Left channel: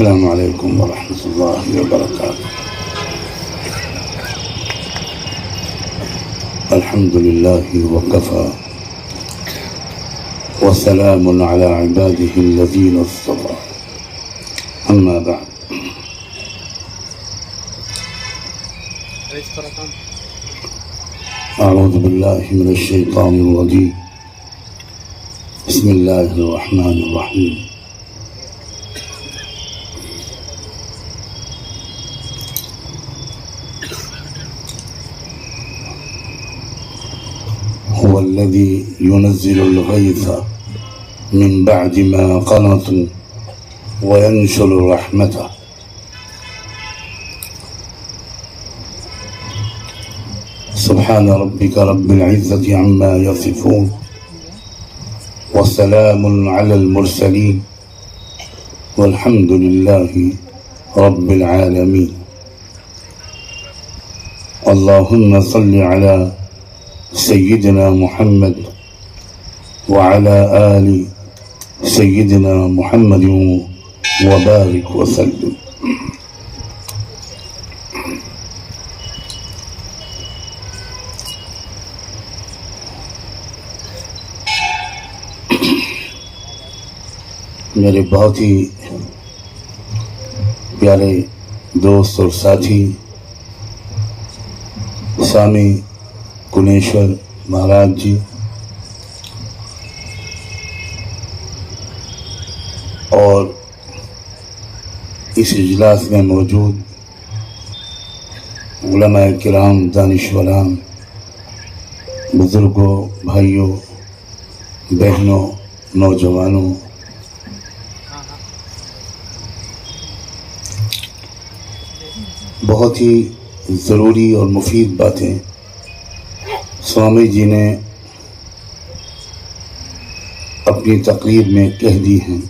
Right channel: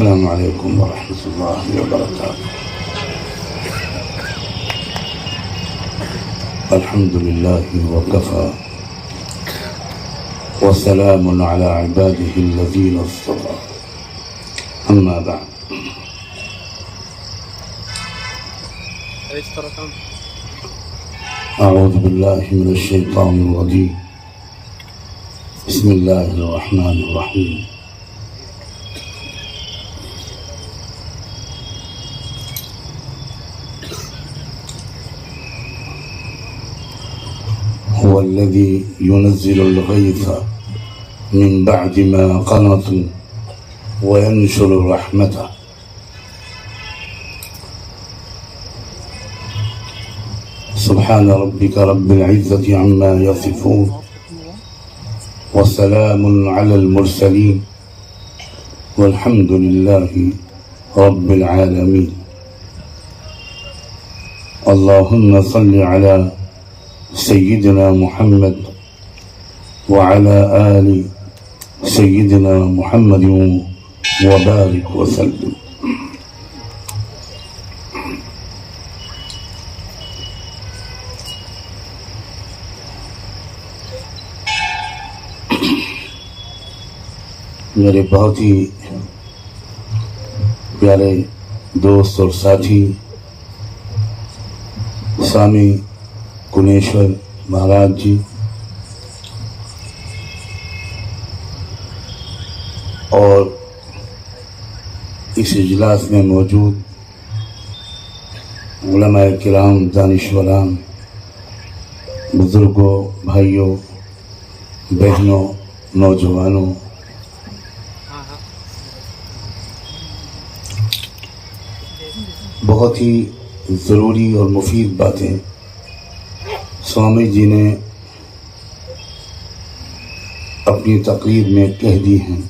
السلام علیکم ورحمۃ اللہ وبرکاتہ. الحمد للہ وکفى وسلام علی عباده الذین اصطفى. اما بعد. اعوذ باللہ من الشیطان الرجیم. بسم اللہ الرحمن الرحیم. هو الذي ينزل الغيث من بعد ما قنطوا وينشر رحمته. سبحان ربك رب العزة عما يصفون وسلام على المرسلين والحمد لله رب العالمين. اللهم صل على سيدنا محمد وعلى آل سيدنا محمد وبارك وسلم. میرے بہت ہی پیارے دوست اور ساتھی سوامی گنیشور مہاراج جی اور اس اجلاس میں موجود علماء کرام، دانشوران، بزرگوں، بھائیوں، بہنوں، نوجوانوں، بہت ہی ضروری اور مفید باتیں سوامی جی نے اپنی تقریر میں کہہ دی ہیں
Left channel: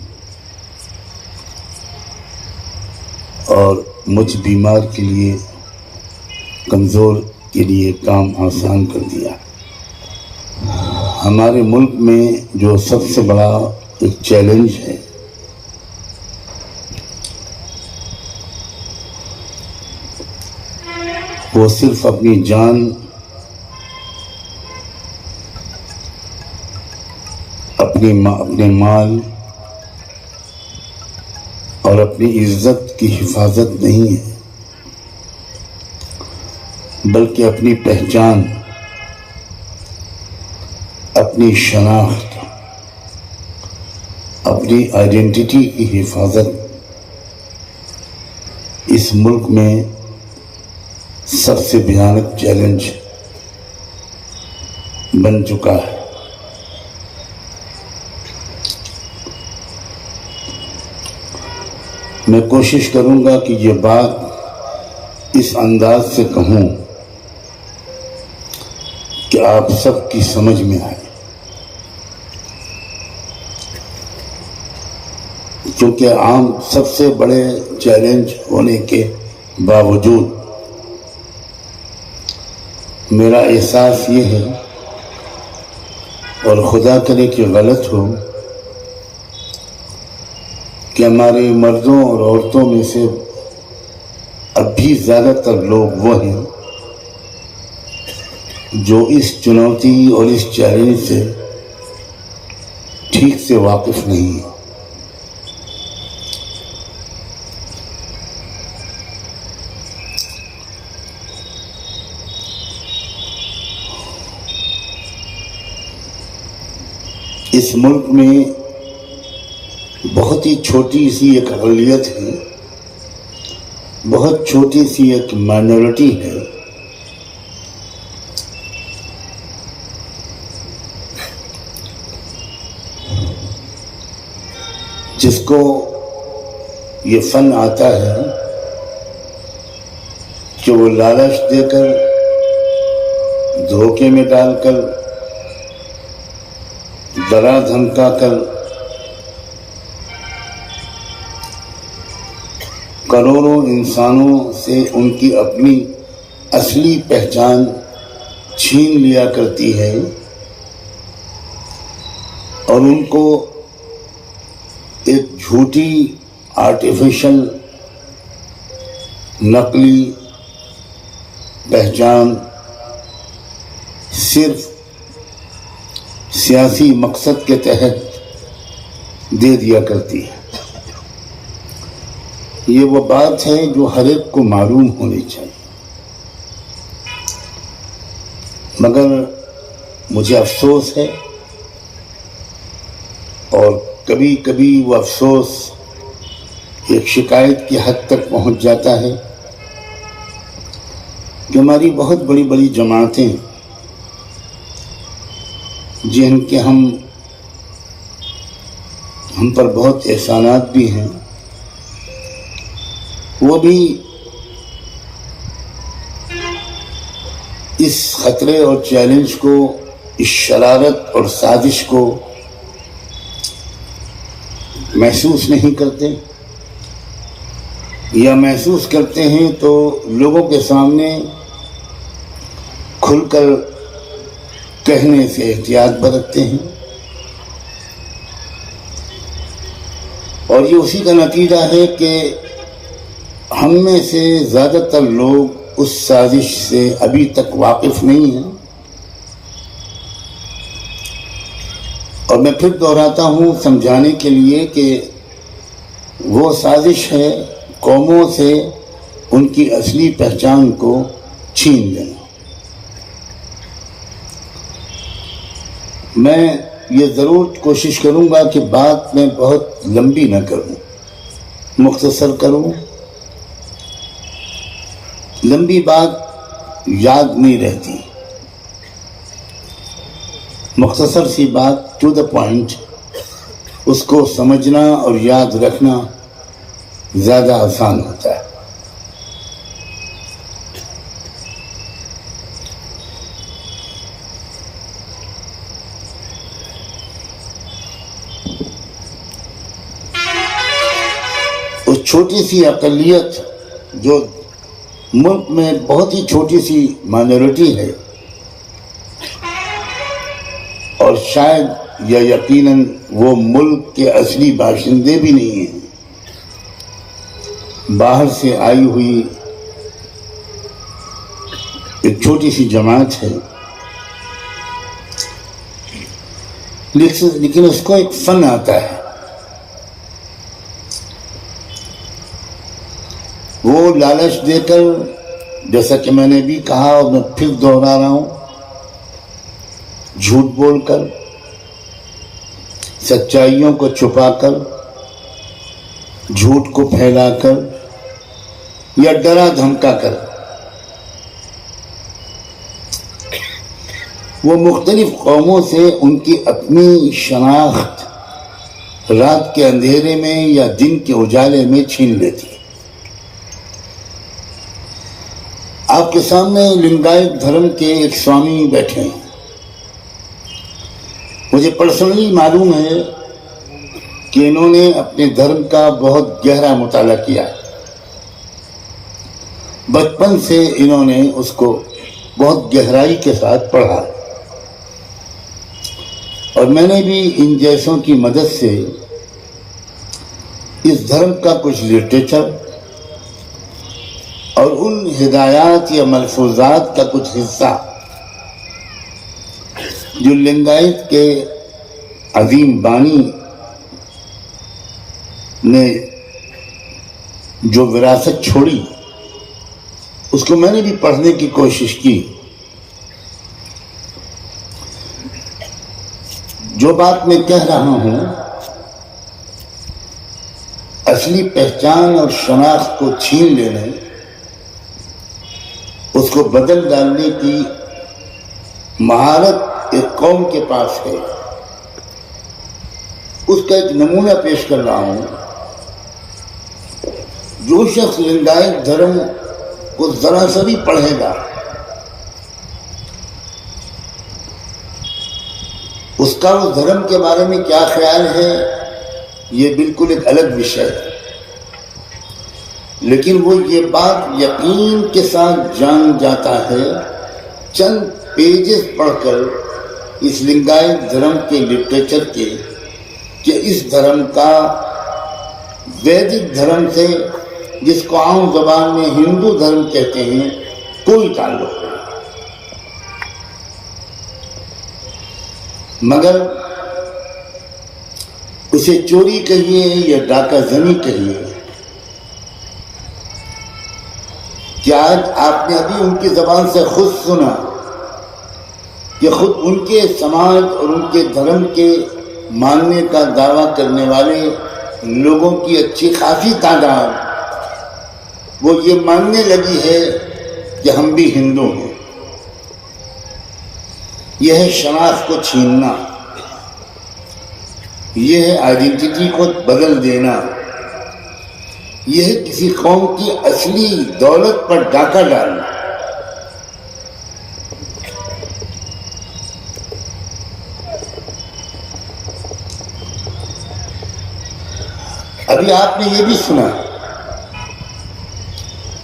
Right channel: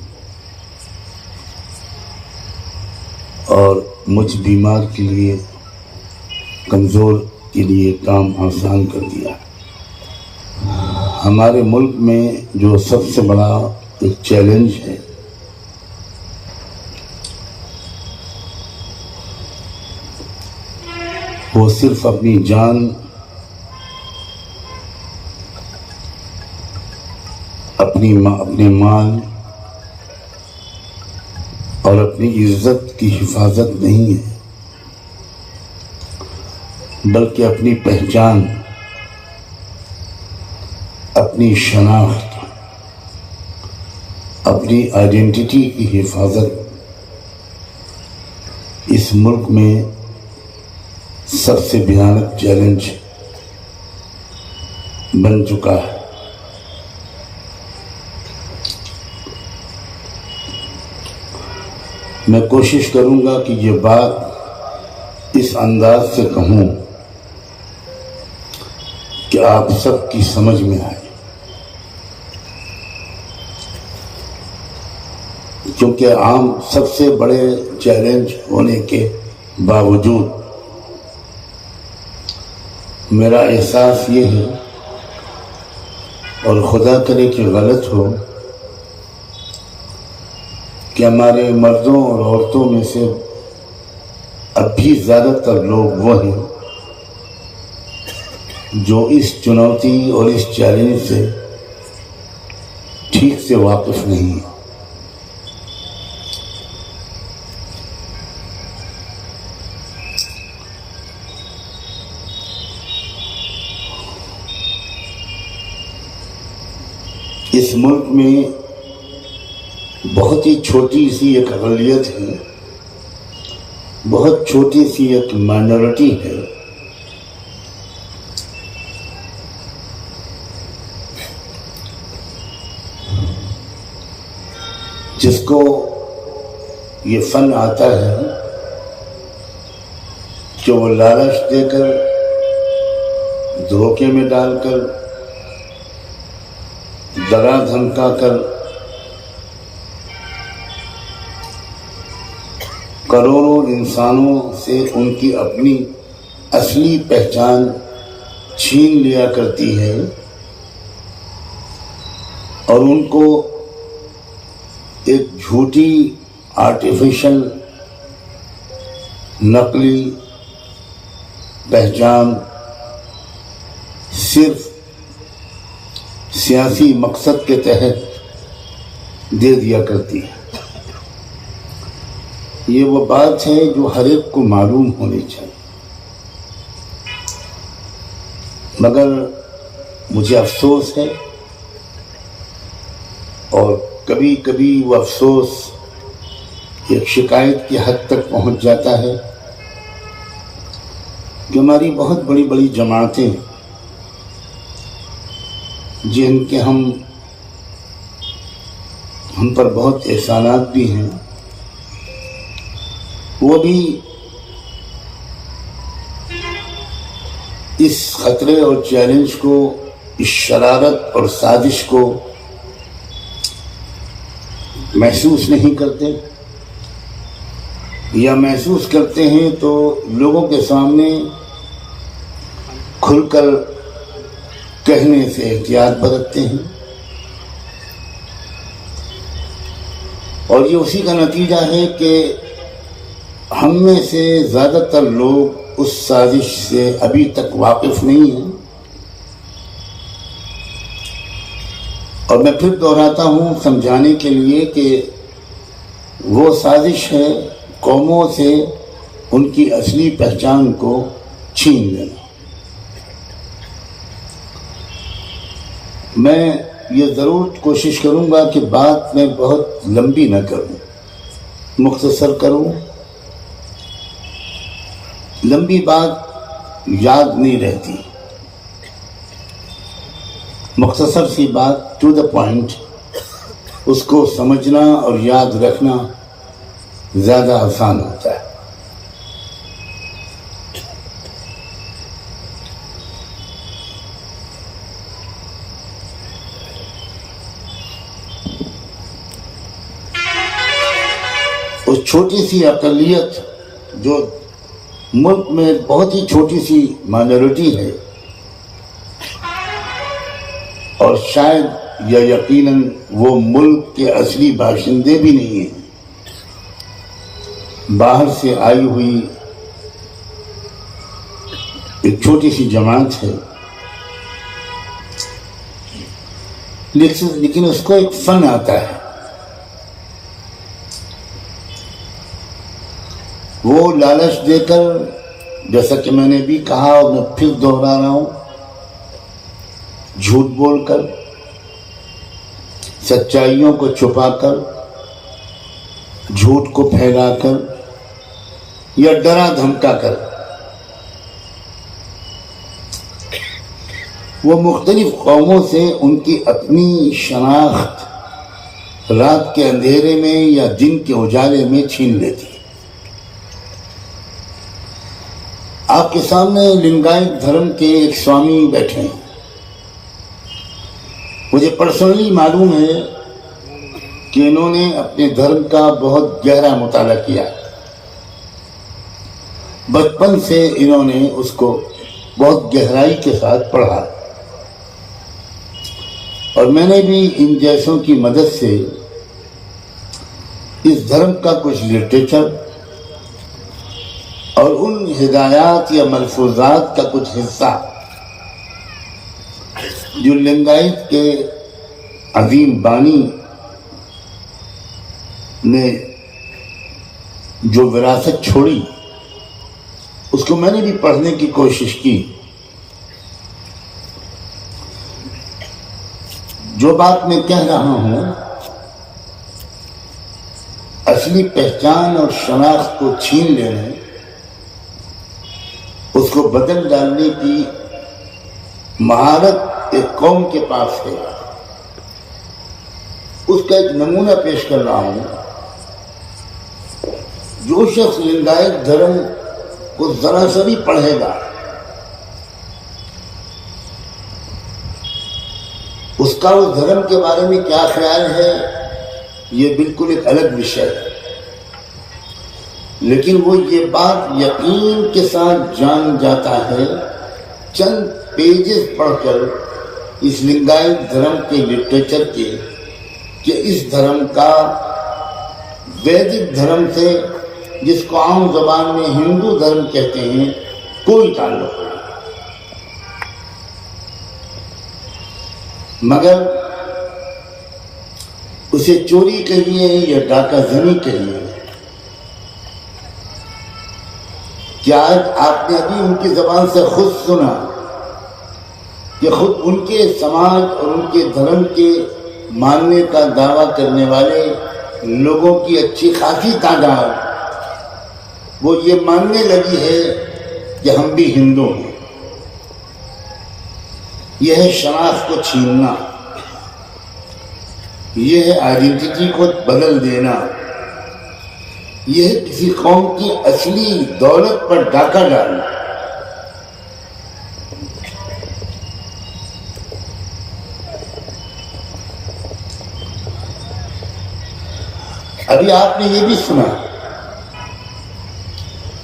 اور مجھ بیمار کے لیے، کمزور کے لیے کام آسان کر دیا. ہمارے ملک میں جو سب سے بڑا ایک چیلنج ہے وہ صرف اپنی جان، اپنے مال اور اپنی عزت کی حفاظت نہیں ہے، بلکہ اپنی پہچان، اپنی شناخت، اپنی آئیڈینٹی کی حفاظت اس ملک میں سب سے بھیانک چیلنج بن چکا ہے. میں کوشش کروں گا کہ یہ بات اس انداز سے کہوں کہ آپ سب کی سمجھ میں آئے، کیونکہ عام سب سے بڑے چیلنج ہونے کے باوجود میرا احساس یہ ہے، اور خدا کرے کہ غلط ہو، کہ ہمارے مردوں اور عورتوں میں سے اب بھی زیادہ تر لوگ وہ ہیں جو اس چنوتی اور اس چیلنج سے ٹھیک سے واقف نہیں ہیں. اس ملک میں بہت ہی چھوٹی سی ایک اقلیت ہے، بہت چھوٹی سی ایک مائنورٹی ہے جس کو یہ فن آتا ہے کہ وہ لالچ دے کر، دھوکے میں ڈال کر، ڈرا دھمکا کر کروڑوں انسانوں سے ان کی اپنی اصلی پہچان چھین لیا کرتی ہے اور ان کو ایک جھوٹی آرٹیفیشل نقلی پہچان صرف سیاسی مقصد کے تحت دے دیا کرتی ہے. یہ وہ بات ہے جو ہر ایک کو معلوم ہونی چاہیے. مگر مجھے افسوس ہے، اور کبھی کبھی وہ افسوس ایک شکایت کی حد تک پہنچ جاتا ہے کہ ہماری بہت بڑی بڑی جماعتیں جن کے ہم پر بہت احسانات بھی ہیں، وہ بھی اس خطرے اور چیلنج کو، اس شرارت اور سازش کو محسوس نہیں کرتے، یا محسوس کرتے ہیں تو لوگوں کے سامنے کھل کر کہنے سے احتیاط برتتے ہیں. اور یہ اسی کا نتیجہ ہے کہ ہم میں سے زیادہ تر لوگ اس سازش سے ابھی تک واقف نہیں ہیں. اور میں پھر دہراتا ہوں سمجھانے کے لیے کہ وہ سازش ہے قوموں سے ان کی اصلی پہچان کو چھین لینا. میں یہ ضرور کوشش کروں گا کہ بات میں بہت لمبی نہ کروں، مختصر کروں. لمبی بات یاد نہیں رہتی، مختصر سی بات ٹو دا پوائنٹ، اس کو سمجھنا اور یاد رکھنا زیادہ آسان ہوتا ہے. اس چھوٹی سی اقلیت جو ملک میں بہت ہی چھوٹی سی مائنورٹی ہے، اور شاید یا یقیناً وہ ملک کے اصلی باشندے بھی نہیں ہیں، باہر سے آئی ہوئی ایک چھوٹی سی جماعت ہے، لیکن اس کو ایک فن آتا ہے. وہ لالچ دے کر، جیسا کہ میں نے بھی کہا اور میں پھر دوہرا رہا ہوں، جھوٹ بول کر، سچائیوں کو چھپا کر، جھوٹ کو پھیلا کر یا ڈرا دھمکا کر وہ مختلف قوموں سے ان کی اپنی شناخت رات کے اندھیرے میں یا دن کے اجالے میں چھین لیتی. آپ کے سامنے لنگایت دھرم کے ایک سوامی بیٹھے ہیں. مجھے پرسنلی معلوم ہے کہ انہوں نے اپنے دھرم کا بہت گہرا مطالعہ کیا. بچپن سے انہوں نے اس کو بہت گہرائی کے ساتھ پڑھا، اور میں نے بھی ان جیسوں کی مدد سے اس دھرم کا کچھ لٹریچر اور ان ہدایات یا ملفوظات کا کچھ حصہ جو لنگایت کے عظیم بانی نے جو وراثت چھوڑی، اس کو میں نے بھی پڑھنے کی کوشش کی. جو بات میں کہہ رہا ہوں، اصلی پہچان اور شناخت کو چھین لینے، اس کو بدل ڈالنے کی مہارت ایک قوم کے پاس ہے. اس کا ایک نمونہ پیش کر رہا ہوں. جو شخص لنگایت دھرم کو ذرا سا بھی پڑھے گا، اس کا اس دھرم کے بارے میں کیا خیال ہے یہ بالکل ایک الگ وشے ہے، لیکن وہ یہ بات یقین کے ساتھ جان جاتا ہے چند پیجز پڑھ کر اس لنگایت دھرم کے لٹریچر کے، کہ اس دھرم کا ویدک دھرم سے، جس کو عام زبان میں ہندو دھرم کہتے ہیں، کوئی تعلق نہیں. مگر اسے چوری کہیے یا ڈاکہ زنی کہیے، کیا آج آپ نے ابھی ان کی زبان سے خود سنا کہ خود ان کے سماج اور ان کے دھرم کے ماننے کا دعویٰ کرنے والے لوگوں کی اچھی خاصی تعداد وہ یہ ماننے لگی ہے کہ ہم بھی ہندو ہیں. یہ ہے شناخت کو چھیننا، یہ ہے آئیڈینٹی کو بدل دینا، یہ ہے کسی قوم کی اصلی دولت پر ڈاکہ ڈالنا. ابھی آپ نے یہ بھی سنا،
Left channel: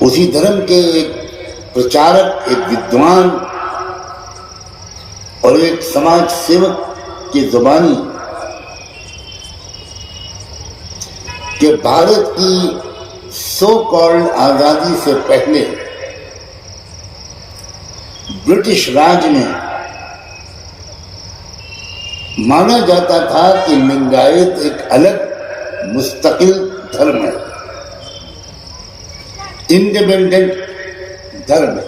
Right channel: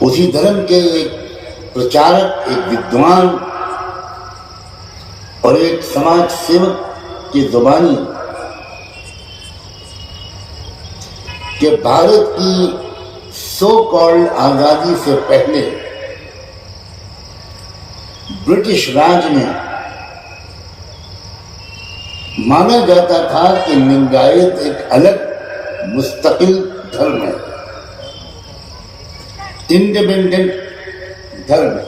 اسی دھرم کے ایک پرچارک، ایک ودوان اور ایک سماج سیوک کی زبانی کہ بھارت کی سو کالڈ آزادی سے پہلے برٹش راج میں مانا جاتا تھا کہ لنگایت ایک الگ مستقل دھرم ہے، انڈیپینڈنٹ دھرم ہے.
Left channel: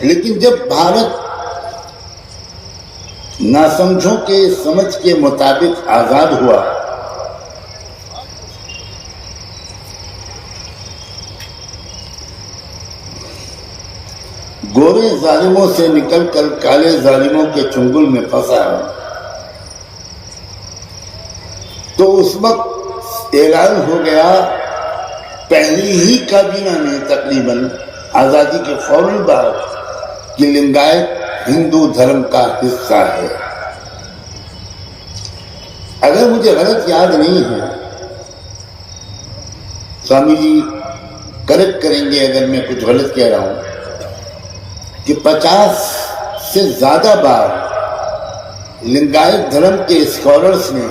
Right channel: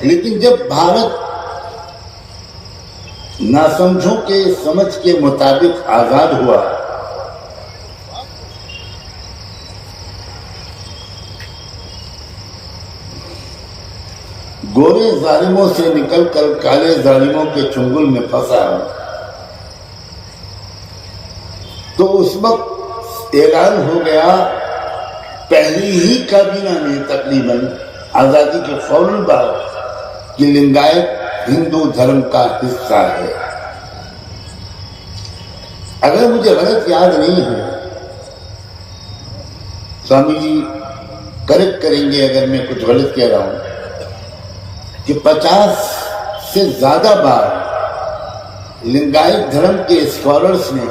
لیکن جب بھارت ناسمجھوں کے سمجھ کے مطابق آزاد ہوا، گورے ظالموں سے نکل کر کالے ظالموں کے چنگل میں پھنسا، تو اس وقت اعلان ہو گیا پہلی ہی کابینہ میں تقریباً آزادی کے فوراً بعد کہ لنگایت ہندو دھرم کا حصہ ہے. اگر مجھے غلط یاد نہیں ہے، سوامی جی کریکٹ کریں گے اگر میں کچھ غلط کہہ رہا ہوں، کہ 50 سے زیادہ بار لنگایت دھرم کے اسکالرس نے،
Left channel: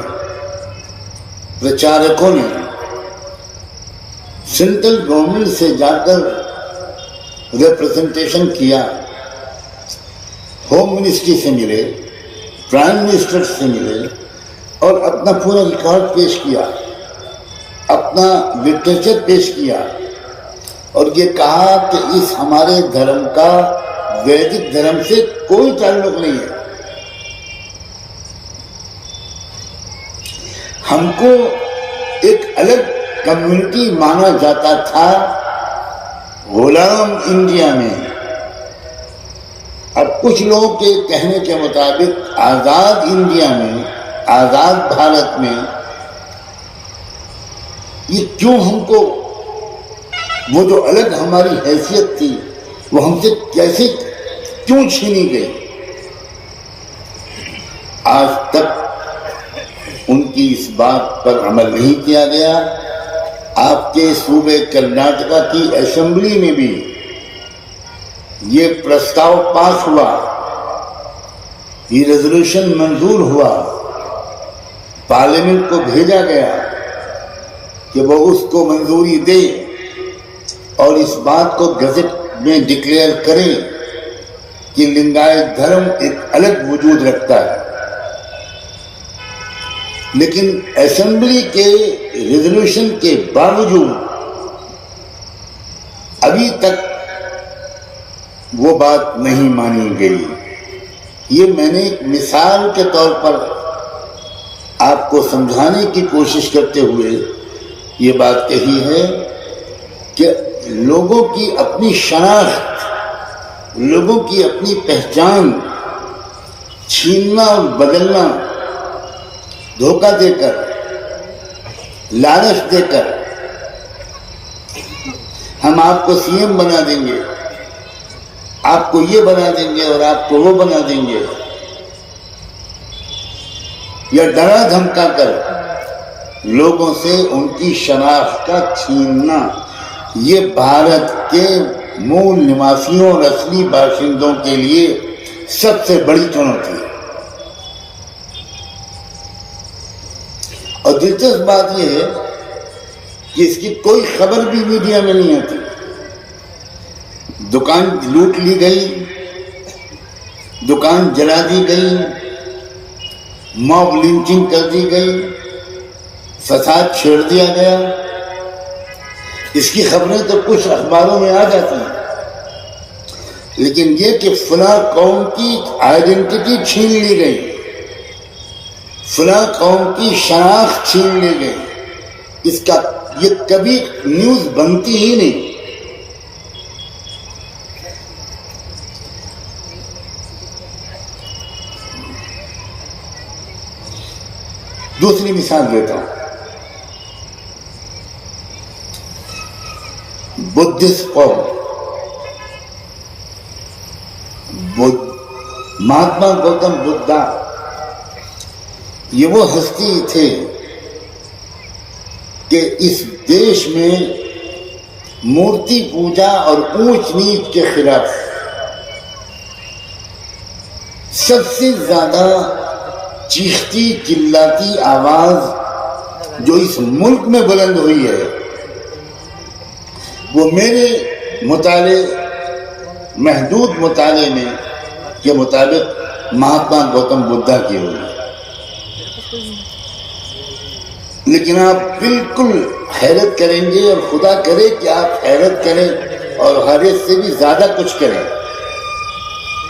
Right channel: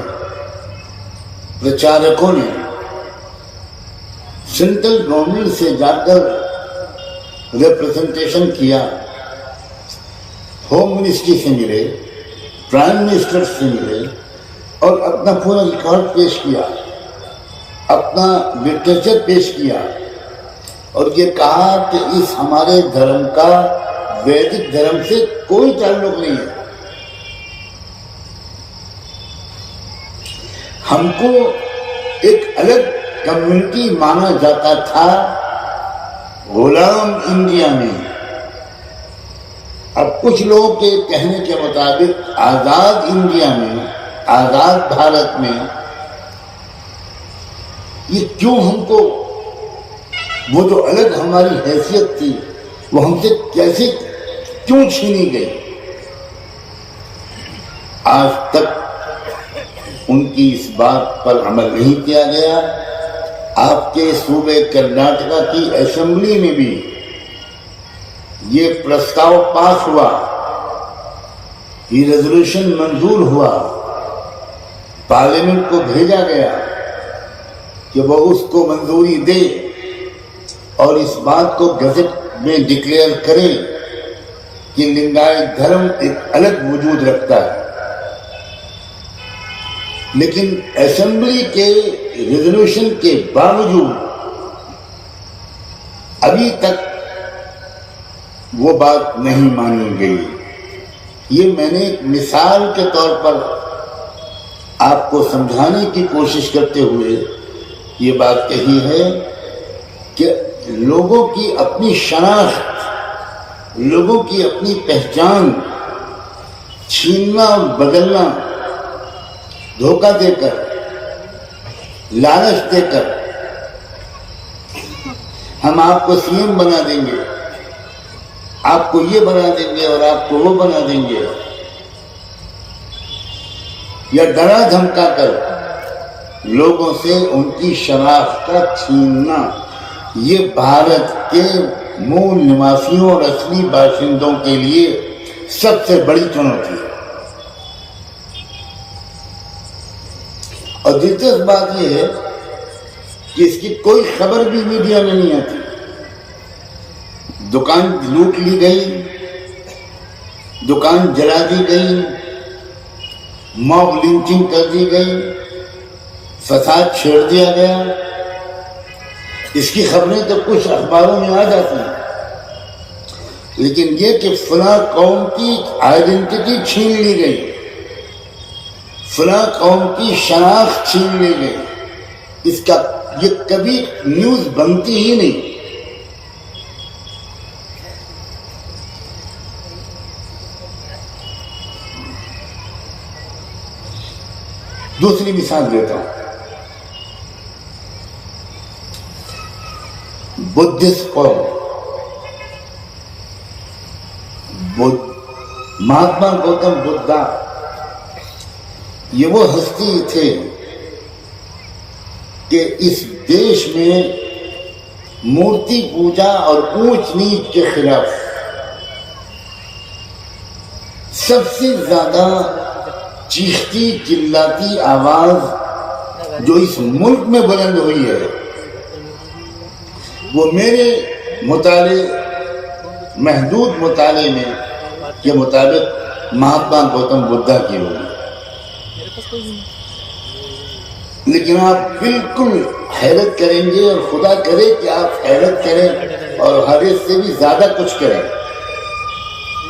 پرچارکوں نے سینٹرل گورنمنٹ سے جا کر ریپرزنٹیشن کیا، ہوم منسٹری سے ملے، پرائم منسٹر سے ملے اور اپنا پورا ریکارڈ پیش کیا، اپنا لٹریچر پیش کیا اور یہ کہا کہ اس ہمارے دھرم کا ویدک دھرم سے کوئی تعلق نہیں ہے. ہم کو ایک الگ کمیونٹی مانا جاتا تھا غلام انڈیا میں. اب کچھ لوگوں کے کہنے کے مطابق آزاد انڈیا میں، آزاد بھارت میں یہ کیوں ہم کو وہ جو الگ ہماری حیثیت تھی وہ ہم سے کیسے کیوں چھینی گئی؟ آج تک ان کی اس بات پر عمل نہیں کیا گیا. آپ کے صوبے کرناٹکا کی اسمبلی میں بھی یہ پرستاؤ پاس ہوا، یہ ریزولوشن منظور ہوا، پارلیمنٹ کو بھیجا گیا کہ وہ اس کو منظوری دے اور اس بات کو گزٹ میں ڈکلیئر کرے کہ لنگایت دھرم ایک الگ وجود رکھتا ہے. لیکن اسمبلی کے ریزولوشن کے باوجود ابھی تک وہ بات نہیں مانی گئی. یہ میں نے ایک مثال کے طور پر آپ کو سمجھانے کی کوشش کرتے ہوئے یہ بات کہی ہے کہ لوگوں کی اپنی شناخت، لوگوں کی اپنی پہچان چھیننا اور بدلنا، دھوکہ دے کر، لالچ دے کر ہم آپ کو سی ایم بنا دیں گے، آپ کو یہ بنا دیں گے اور آپ کو وہ بنا دیں گے، یا ڈرا دھمکا کر لوگوں سے ان کی شناخت کا چھیننا، یہ بھارت کے مول نواسیوں اور اصلی باشندوں کے لیے سب سے بڑی چنوتی ہے. اور دلچسپ بات یہ ہے کہ اس کی کوئی خبر بھی میڈیا میں نہیں آتی. دکان لوٹ لی گئی، دکان جلا دی گئی، موب لنچنگ کر دی گئی، فساد چھوڑ دیا گیا. اس کی خبریں تو کچھ اخباروں میں آ جاتی ہیں، لیکن یہ کہ فلاں قوم کی آئیڈینٹی چھین لی گئی، فلاں قوم کی شناخت چھین لی گئی، اس کا یہ کبھی نیوز بنتی ہی نہیں. دوسری مثال دیتا ہوں، بدھسٹ قوم. مہاتما گوتم بدھا یہ وہ ہستی تھے کہ اس دیش میں مورتی پوجا اور اونچ نیچ کے خلاف سب سے زیادہ چیختی چلاتی آواز جو اس ملک میں بلند ہوئی ہے وہ میرے مطالعے، محدود مطالعے میں کے مطابق مہاتما گوتم بدھا کی ہوئی. لیکن آپ بالکل حیرت کریں گے، اور خدا کرے کہ آپ حیرت کریں اور حیرت سے بھی زیادہ کچھ کریں.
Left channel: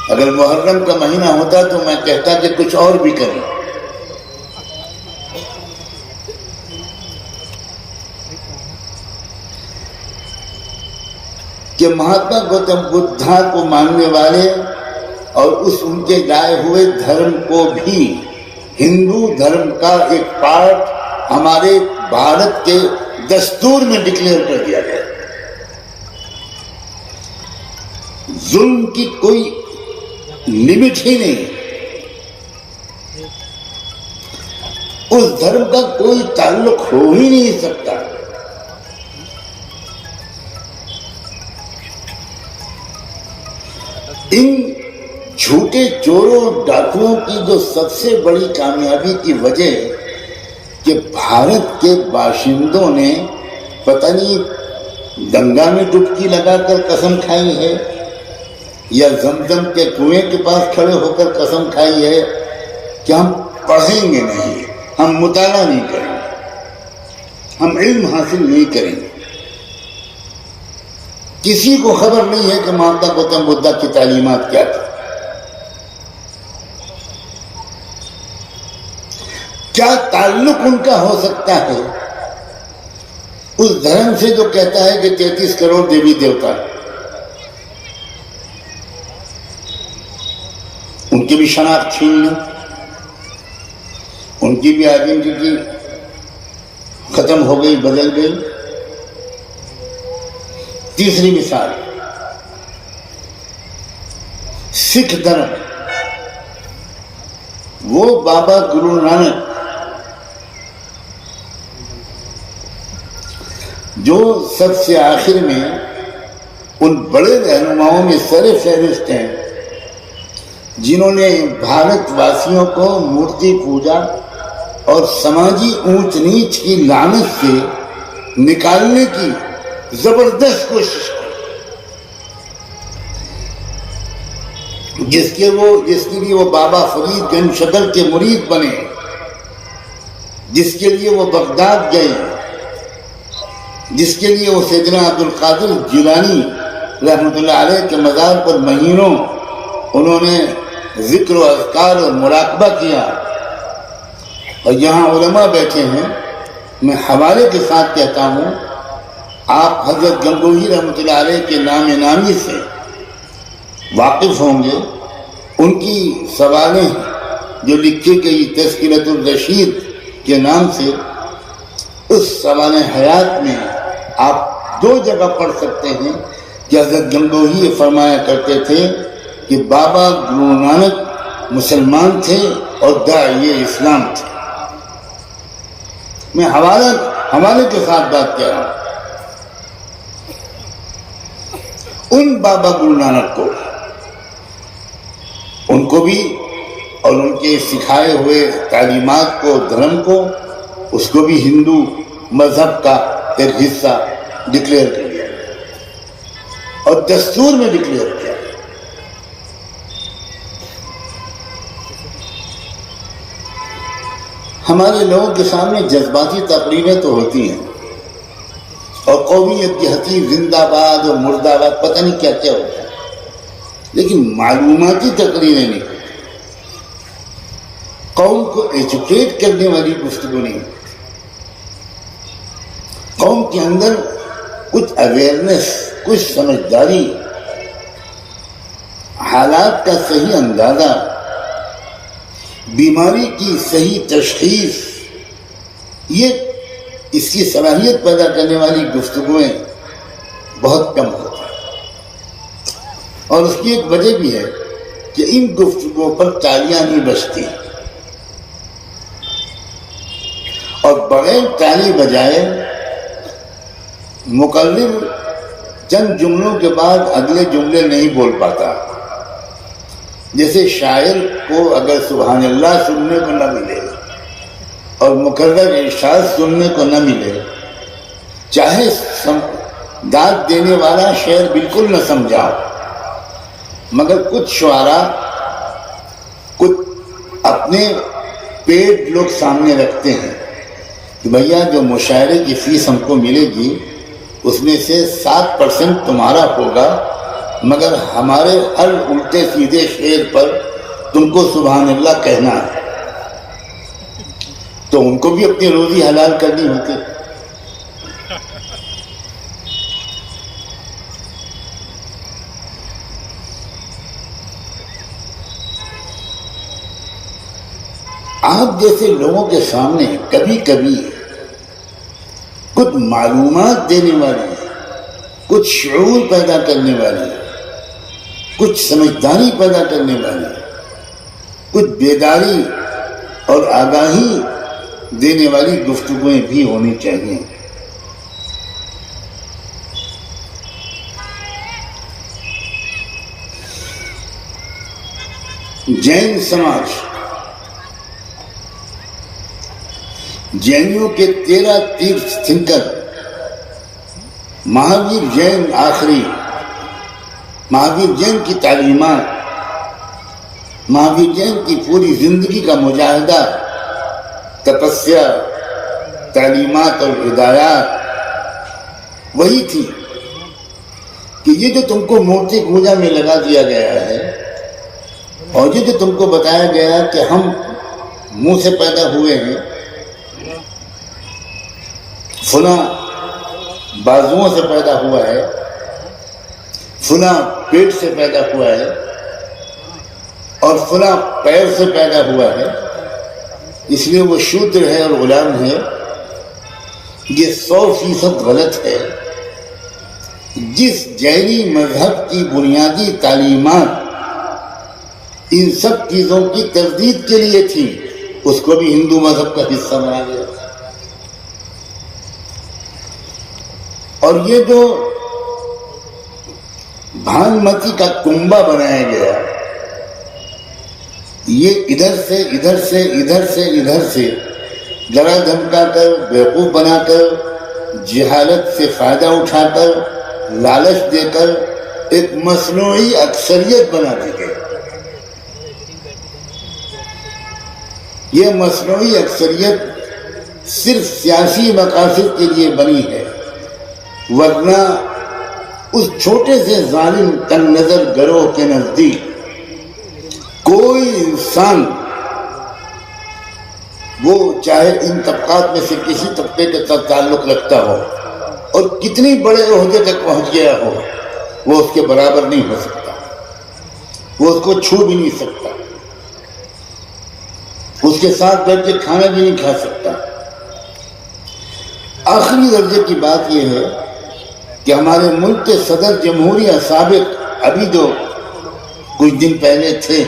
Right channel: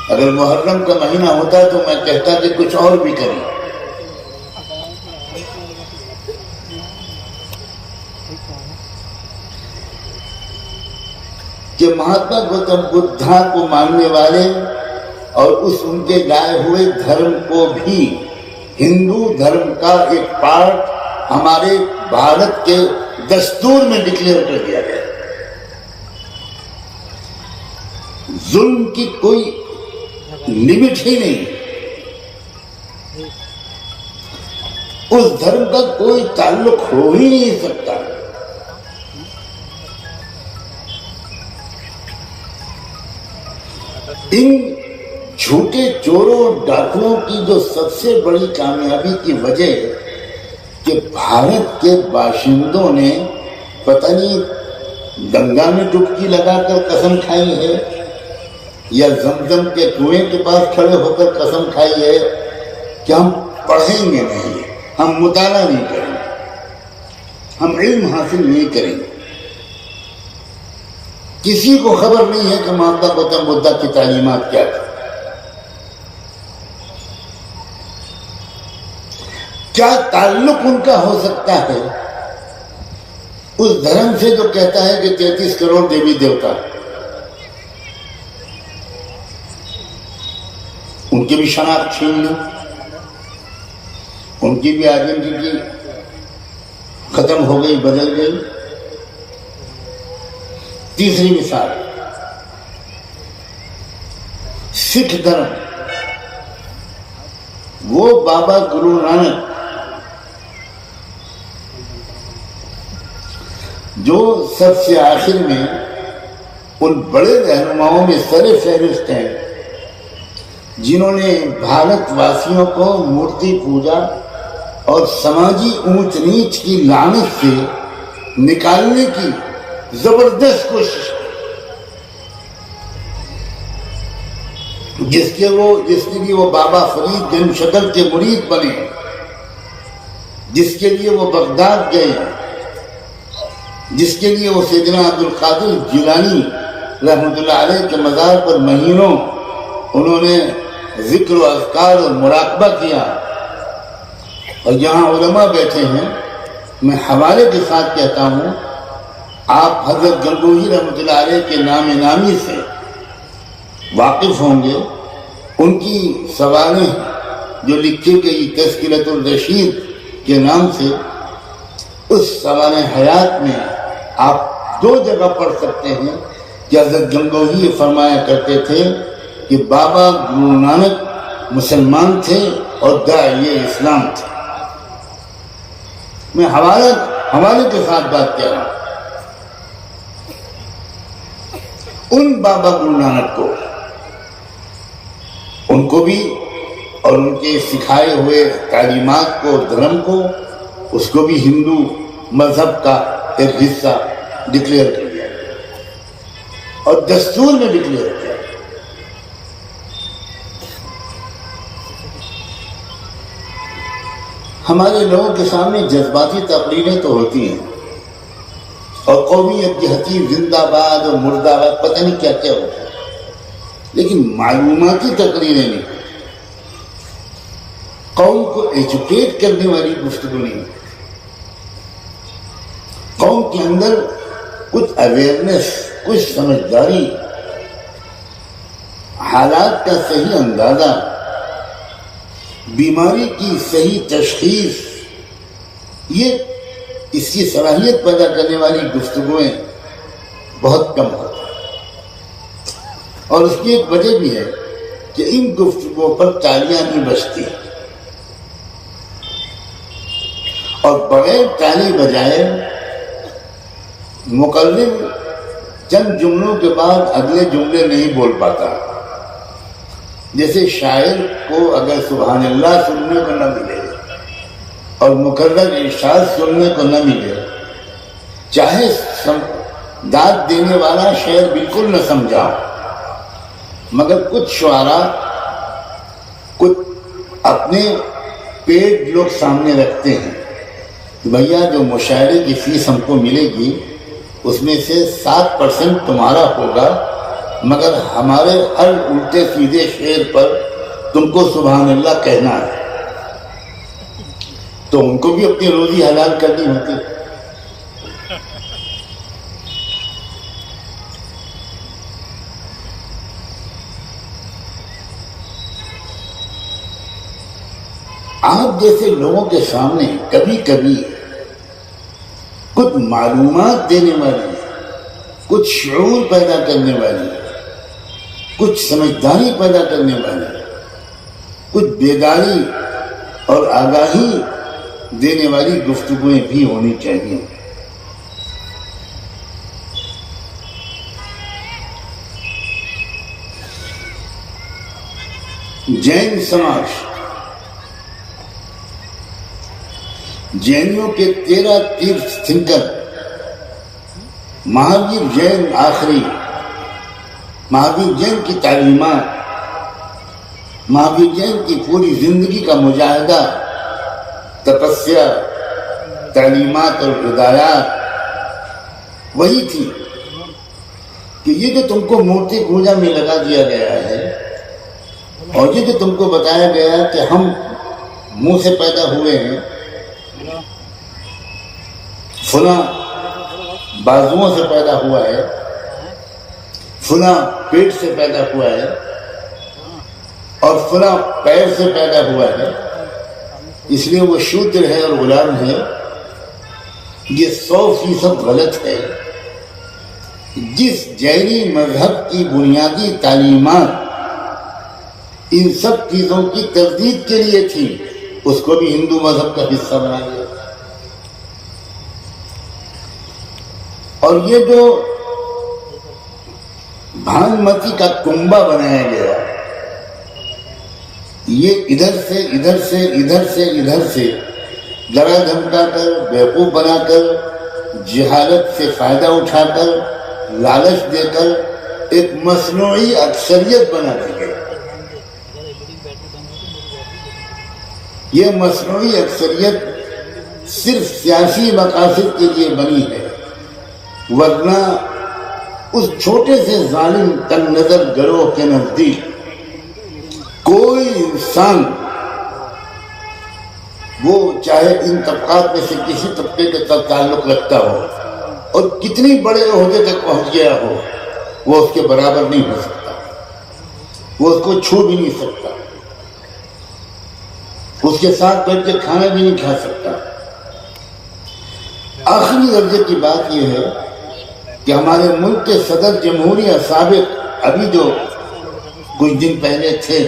اگر محرم کا مہینہ ہوتا تو میں کہتا کہ کچھ اور بھی کریں. کہ مہاتما گوتم بدھا کو ماننے والے اور اس ان کے لائے ہوئے دھرم کو بھی ہندو دھرم کا ایک پارٹ ہمارے بھارت کے دستور میں ڈکلیئر کر دیا گیا. ظلم کی کوئی لمٹ ہی نہیں، اس دھرم کا کوئی تعلق ہو ہی نہیں سکتا. ان جھوٹے چوروں ڈاکوؤں کی جو سب سے بڑی کامیابی کی وجہ کہ بھارت کے باشندوں نے پتہ نہیں گنگا میں ڈبکی لگا کر قسم کھائی ہے یا زمزم کے کنویں کے پاس کھڑے ہو کر قسم کھائی ہے کہ ہم پڑھیں گے نہیں، ہم مطالعہ نہیں کریں گے، ہم علم حاصل نہیں کریں گے. کسی کو خبر نہیں ہے کہ مہاتما گوتم بدھا کی تعلیمات کیا تھی، کیا تعلق ان کا ہو سکتا ہے اس دھرم سے جو کہتا ہے کہ 33 کروڑ دیوی دیوتا. ان کی بھی شناخت چھین لی، ان کی بھی آئیڈینٹی ختم ہو گئی، بدل گئی. تیسری مثال، سکھ دھرم. وہ بابا گرو نانک جو سب سے آخر میں ان بڑے رہنماؤں میں سر فہرست ہیں جنہوں نے بھارت واسیوں کو مورتی پوجا اور سماجی اونچ نیچ کی لعنت سے نکالنے کی زبردست کوشش کی، جس کے لیے وہ بابا فرید گنج شکر کے مرید بنے، جس کے لیے وہ بغداد گئے، جس کے لیے وہ سیدنا عبد القادر جیلانی رحمۃ اللہ علیہ کے مزار پر مہینوں انہوں نے ذکر و اذکار اور مراقبہ کیا. اور یہاں علماء بیٹھے ہیں، میں حوالے کے ساتھ کہتا ہوں، آپ حضرت گنگوہی رحمۃ اللہ علیہ کے نام نامی سے واقف ہوں گے. ان کی سوانح جو لکھی گئی تذکرۃ الرشید کے نام سے، اس سوانح حیات میں آپ 2 جگہ پڑھ سکتے ہیں کہ حضرت گنگوہی فرمایا کرتے تھے کہ بابا گرو نانک مسلمان تھے اور داعیہ اسلام تھے. میں حوالے کے ساتھ بات کر رہا ہوں. ان بابا گرو نانک کو، ان کو بھی اور ان کے سکھائے ہوئے تعلیمات کو، دھرم کو اس کو بھی ہندو مذہب کا ایک حصہ ڈکلیئر کر دیا اور دستور میں ڈکلیئر کیا. ہمارے لوگوں کے سامنے جذباتی تقریریں تو ہوتی ہیں اور قومیت کی حقیق زندہ باد اور مردہ باد پتہ نہیں کیا کیا ہوتا ہے، لیکن معلوماتی تقریریں نہیں، قوم کو ایجوکیٹ کرنے والی گفتگو نہیں، قوم کے اندر کچھ اویئرنیس، کچھ سمجھداری، حالات کا صحیح اندازہ، بیماری کی صحیح تشخیص، یہ اس کی صلاحیت پیدا کرنے والی گفتگویں بہت کم ہوتی ہیں. اور اس کی ایک وجہ بھی ہے کہ ان گفتگوؤں پر تالیاں نہیں بجتی اور بغیر تالی بجائے مقلد چند جملوں کے بعد اگلے جملے نہیں بول پاتا. جیسے شاعر کو اگر سبحان اللہ سننے کو نہ ملے اور مکرر ارشاد سننے کو نہ ملے، چاہے داد دینے والا شعر بالکل نہ سمجھا، مگر کچھ شعراء کچھ اپنے پیٹ لوگ سامنے رکھتے ہیں کہ بھیا جو مشاعرے کی فیس ہم کو ملے گی اس میں سے 7% تمہارا ہوگا، مگر ہمارے ہر الٹے سیدھے شعر پر تم کو سبحان اللہ کہنا ہے. تو ان کو بھی اپنی روزی حلال کرنی ہوتی. آپ جیسے لوگوں کے سامنے کبھی کبھی کچھ معلومات دینے والی، کچھ شعور پیدا کرنے والی، کچھ سمجھداری پیدا کرنے والی، کچھ بیداری اور آگاہی دینے والی گفتگویں بھی ہونی چاہیے. جین سماج، جینوں کے 13 تیرتھ تھنکر مہاویر جین آخری، مہاویر جین کی تعلیمات، مہاویر جین کی پوری زندگی کا مجاہدہ، تپسیا، تعلیمات اور ہدایات وہی تھی کہ یہ جو تم کو مورتی پوجا میں لگا دیا گیا ہے اور یہ جو تم کو بتایا گیا ہے کہ ہم منہ سے پیدا ہوئے ہیں، فلاں بازوؤں سے پیدا ہوا ہے، فلاں پیٹ سے پیدا ہوا ہے اور فلاں پیر سے پیدا ہوا ہے، اس لیے وہ شودر ہے اور غلام ہے، یہ 100% غلط ہے. جس جینی مذہب کی بنیادی تعلیمات ان سب چیزوں کی تردید کے لیے تھی، اس کو بھی ہندو مذہب کا حصہ بنایا گیا. اور یہ جو بھانمتی کا کنبہ بنایا گیا، یہ ادھر سے ادھر سے ادھر سے ادھر سے ڈرا دھمکا کر، بیوقوف بنا کر، جہالت سے فائدہ اٹھا کر، لالچ دے کر ایک مصنوعی اکثریت بنا دی گئی. یہ مصنوعی اکثریت صرف سیاسی مقاصد کے لیے بنی ہے، ورنہ اس چھوٹے سے ظالم تن نظر گروہ کے نزدیک کوئی انسان، وہ چاہے ان طبقات میں سے کسی طبقے کے ساتھ تعلق رکھتا ہو اور کتنی بڑے عہدے تک پہنچ گیا ہو، وہ اس کے برابر نہیں ہو سکتا، وہ اس کو چھو بھی نہیں سکتا، اس کے ساتھ بیٹھ کے کھانا بھی نہیں کھا سکتا. آخری درجے کی بات یہ ہے کہ ہمارے ملک کے صدر جمہوریہ سابق ابھی جو کچھ دن پہلے تھے،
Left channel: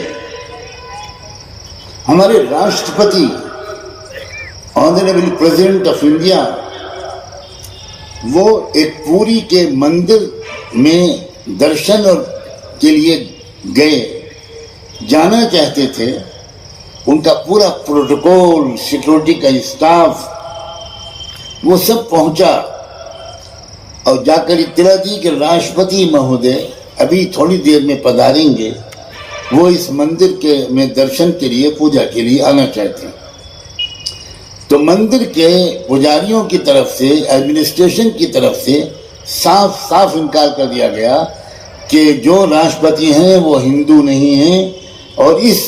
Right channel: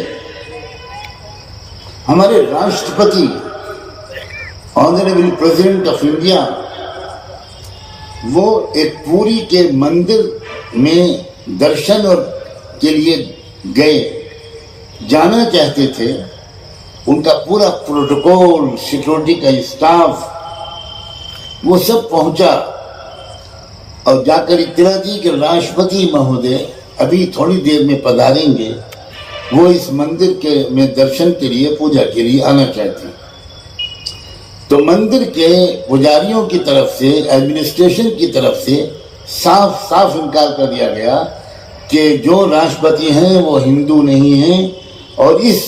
ہمارے Rashtrapati honourable president of India, وہ ایک پوری کے مندر میں درشن اور کے لیے گئے، جانا چاہتے تھے. ان کا پورا پروٹوکول، سیکورٹی کا اسٹاف وہ سب پہنچا اور جا کر اطلاع دی کہ راشٹرپتی مہودے ابھی تھوڑی دیر میں پدھاریں گے، وہ اس مندر کے میں درشن کے لیے، پوجا کے لیے آنا چاہتے ہیں۔ تو مندر کے پجاریوں کی طرف سے، ایڈمنسٹریشن کی طرف سے صاف صاف انکار کر دیا گیا کہ جو راشٹرپتی ہیں وہ ہندو نہیں ہیں، اور اس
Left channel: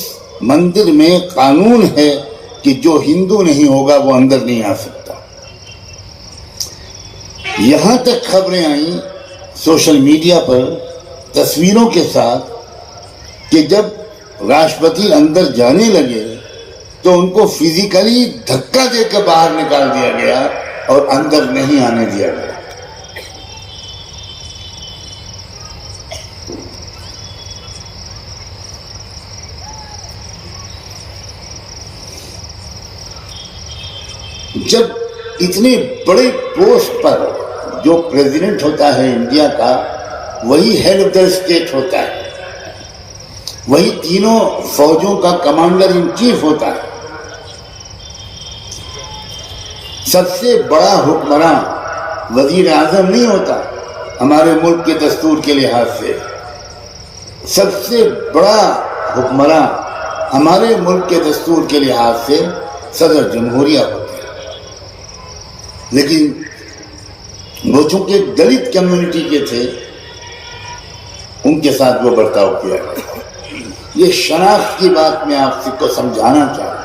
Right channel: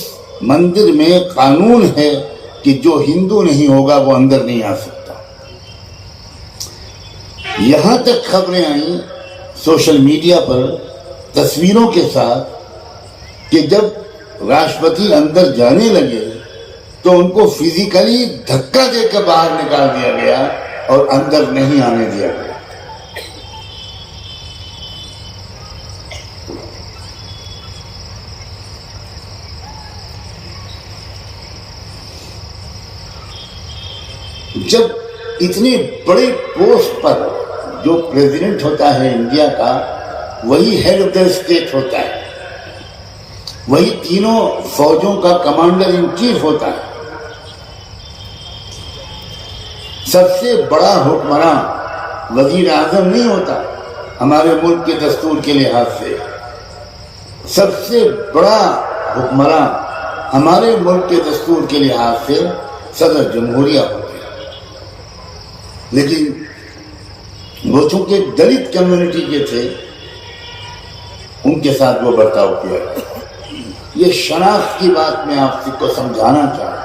مندر میں قانون ہے کہ جو ہندو نہیں ہوگا وہ اندر نہیں آ سکتا۔ یہاں تک خبریں آئیں سوشل میڈیا پر تصویروں کے ساتھ کہ جب راشٹرپتی اندر جانے لگے تو ان کو فزیکلی دھکا دے کر باہر نکال دیا گیا اور اندر نہیں آنے دیا گیا۔ جب اتنے بڑے پوسٹ پر جو پریزیڈنٹ ہوتا ہے انڈیا کا، وہی ہیڈ آف دا اسٹیٹ ہوتا ہے، وہی تینوں فوجوں کا کمانڈر ان چیف ہوتا ہے، سب سے بڑا حکمراں وزیر اعظم نہیں ہوتا ہمارے ملک کے دستور کے لحاظ سے، سب سے بڑا حکمراں ہمارے ملک کے دستور کے لحاظ سے صدر جمہوریہ ہوتا ہے۔ لیکن وہ چونکہ دلت کمیونٹی کے تھے، ان کے ساتھ وہ برتاؤ کیا۔ یہ شناخت کی بات میں آپ کو سمجھانا چاہتا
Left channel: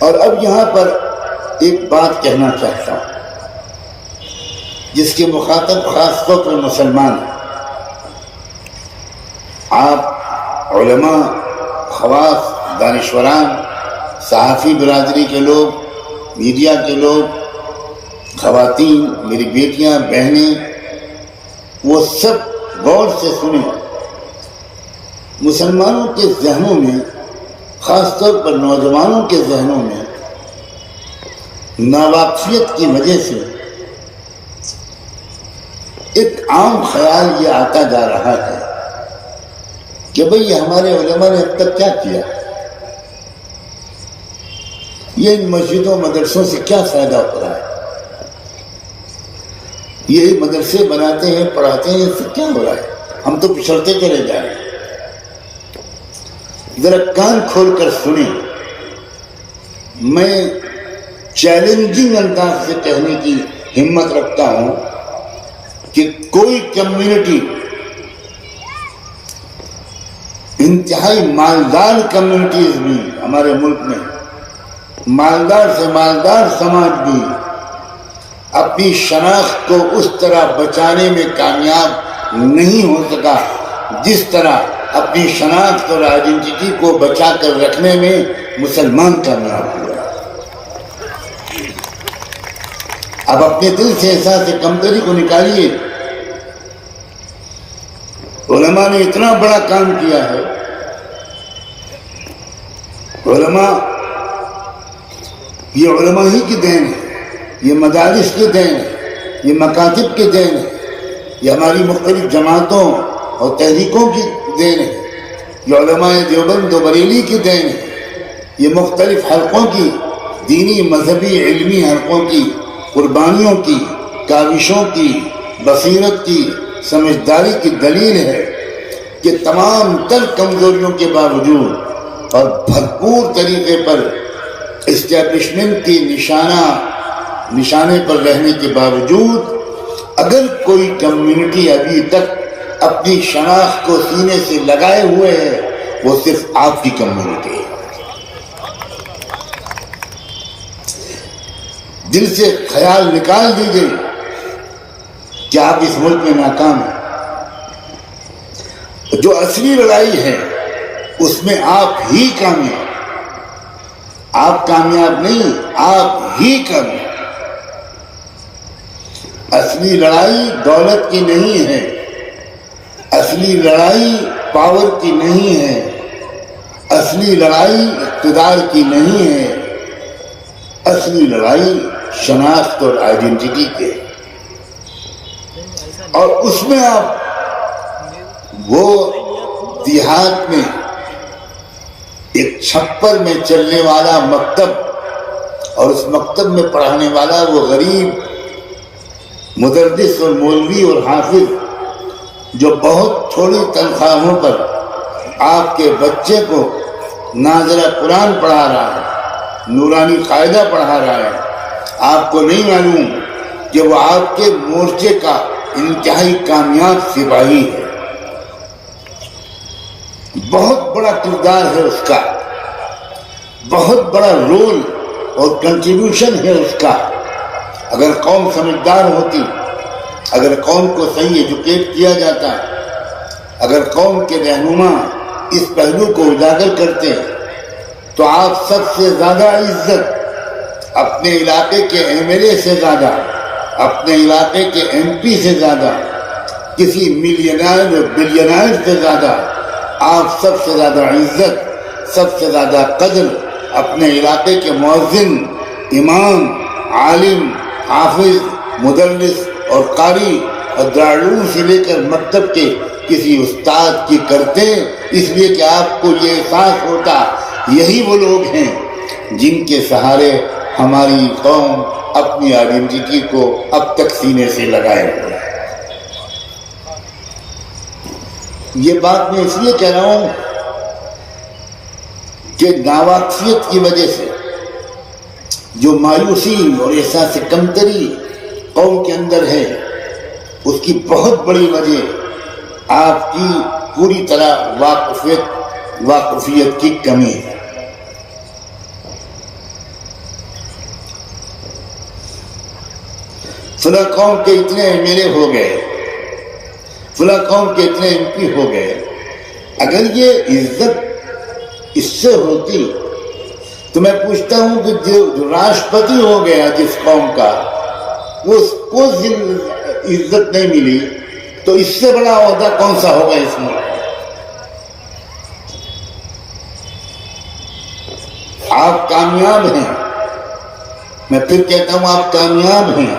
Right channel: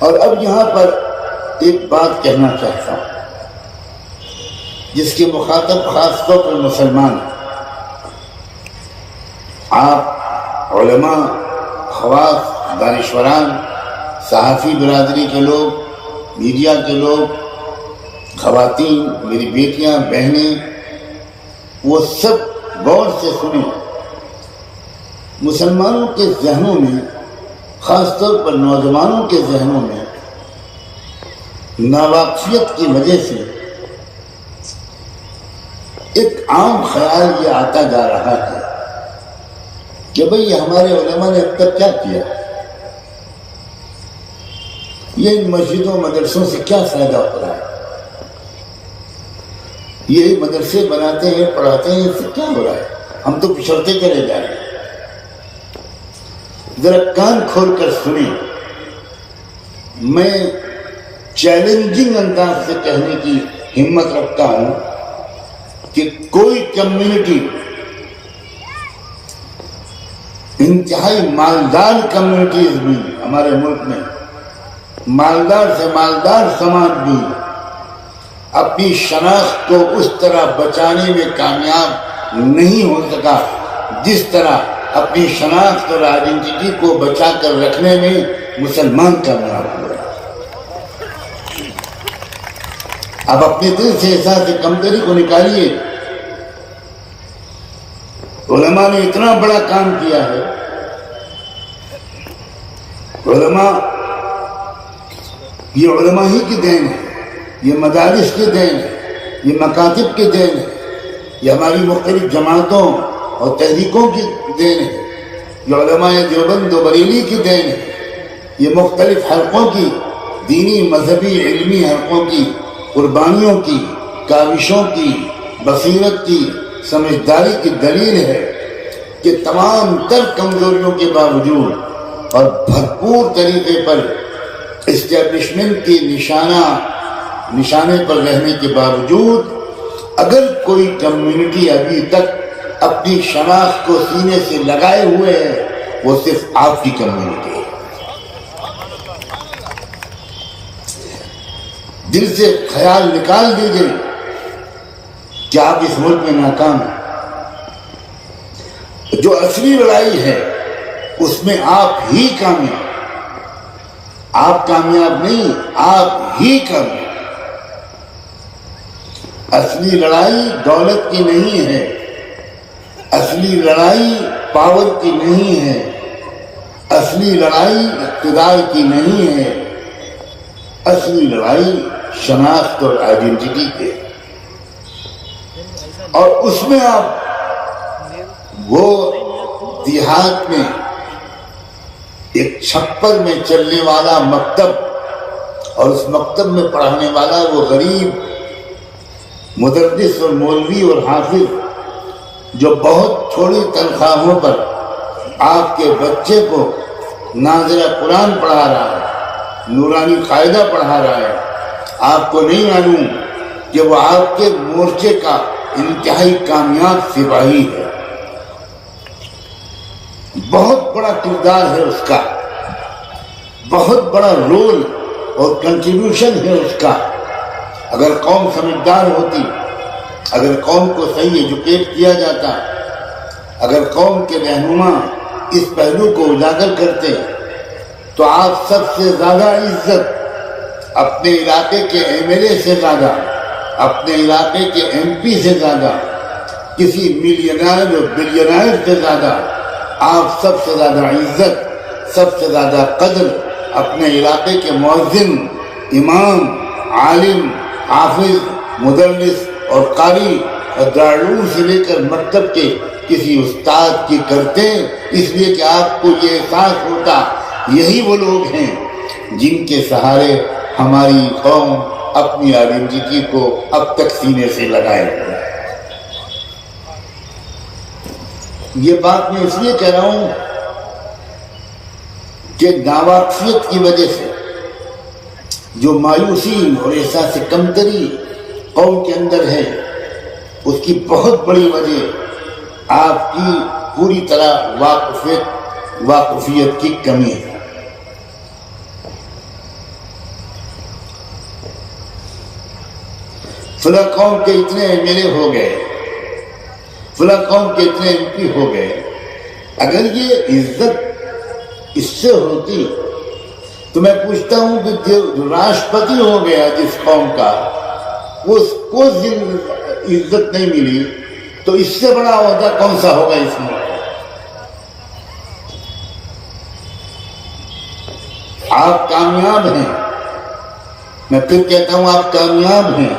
ہوں، اور اب یہاں پر ایک بات کہنا چاہتا ہوں جس کے مخاطب خاص طور پر مسلمان ہیں۔ آپ علماء، خواص، دانشوران، صحافی برادری کے لوگ، میڈیا کے لوگ، خواتین، میری بیٹیاں، بہنیں، وہ سب غور سے سنیں۔ مسلمانوں کے ذہنوں میں، خاص طور پر نوجوانوں کے ذہنوں میں ناواقفیت کی وجہ سے ایک عام خیال یہ آتا جا رہا ہے کہ بھئی ہمارے علماء نے اب تک کیا کیا، یہ ان مسجدوں مدرسوں سے کیا فائدہ ہو رہا ہے، یہ مدرسے بناتے ہیں، پڑھاتے ہیں، اس سے کیا ہو رہا ہے، ہم تو پچھڑتے چلے جا رہے ہیں۔ ذرا کان کھول کر سنیں، میں چیلنجنگ انداز سے کہنے کی ہمت رکھتا ہوں کہ کوئی کمیونٹی، انتہائی مالدار کمیونٹیز بھی ہمارے ملک میں، مالدار سے مالدار سماج بھی اپنی شناخت کو اس طرح بچانے میں کامیاب نہیں ہو سکا جس طرح اپنی شناخت اور آئیڈینٹی کو بچا کر رکھنے میں مسلمان کامیاب ہوا۔ اب اپنے دل سے احساس کمتری کو نکالیے۔ علماء نے اتنا بڑا کام کیا ہے، علماء، یہ علماء ہی کی دین ہے، یہ مدارس کی دین ہے، یہ مکاتب کی دین ہے، یہ ہماری مختلف جماعتوں اور تحریکوں کی دین ہے، یہ علماء دیوبند و بریلی کی دین ہے، یہ مختلف حلقوں کی، دینی، مذہبی، علمی حلقوں کی قربانیوں کی، کاوشوں کی، بصیرت کی، سمجھداری کی دلیل ہے کہ تمام تر کمزوریوں کے باوجود اور بھرپور طریقے پر اسٹیبلشمنٹ کی نشانے پر رہنے کے باوجود اگر کوئی کمیونٹی ابھی تک اپنی شناخت کو سینے سے لگائے ہوئے ہے وہ صرف آپ کی کمیونٹی ہے۔ دل سے خیال نکال دیجئے کہ آپ اس ملک میں ناکام ہیں۔ جو اصلی لڑائی ہے اس میں آپ ہی کامیاب، آپ کامیاب نہیں، آپ ہی کامیاب۔ اصلی لڑائی دولت کی نہیں ہے، اصلی لڑائی پاور کی نہیں ہے، اصلی لڑائی اقتدار کی نہیں ہے، اصلی لڑائی شناخت اور آئیڈینٹی کے، اور اس میں آپ وہ دیہات میں ایک چھپر میں چلنے والا مکتب اور اس مکتب میں پڑھانے والا وہ غریب مدرس اور مولوی اور حافظ جو بہت تھوڑی تنخواہوں پر آپ کے بچے کو نازلہ قرآن پڑھا رہا ہے، نورانی قاعدہ پڑھا رہا ہے، آپ کو نہیں معلوم کہ وہ آپ کے مورچے کا انتہائی کامیاب سپاہی ہے. بہت بڑا کردار ہے اس کا، بہت بڑا رول اور کنٹریبیوشن ہے اس کا. اگر قوم سمجھدار ہوتی، اگر قوم کو صحیح ایجوکیٹ کیا جاتا، اگر قوم کے رہنما اس پہلو کو اجاگر کرتے تو آپ سب سے زیادہ عزت اپنے علاقے کے ایم ایل اے سے زیادہ، اپنے علاقے کے ایم پی سے زیادہ، کسی ملینئر اور بلینئر سے زیادہ آپ سب سے زیادہ عزت، سب سے زیادہ قدر اپنے علاقے کے مؤذن، امام، عالم، حافظ، مدرس اور قاری اور دارالعلوم سے لے کر مکتب کے کسی استاد کی کرتے، اس لیے کہ آپ کو یہ احساس ہوتا یہی وہ لوگ ہیں جن کے سہارے ہماری قوم اپنی آئیڈینٹی کو اب تک سینے سے لگائے ہوئے ہے. یہ بات میں اس لیے کہہ رہا ہوں کہ ناواقفیت کی وجہ سے جو مایوسی اور احساس کمتری قوم کے اندر ہے، اس کی بہت بڑی وجہ آپ کی پوری طرح واقفیت کی کمی ہے. فلاں قوم کے اتنے ایم ایل اے ہو گئے، فلاں قوم کے اتنے ایم پی ہو گئے. اگر یہ عزت اس سے ہوتی تو میں پوچھتا ہوں کہ جو راشٹرپتی ہو گیا جس قوم کا، اس کو عزت نہیں ملی تو اس سے بڑا عہدہ کون سا ہوگا اس میں؟ آپ کامیاب ہیں، میں پھر کہتا ہوں آپ کامیاب ہیں.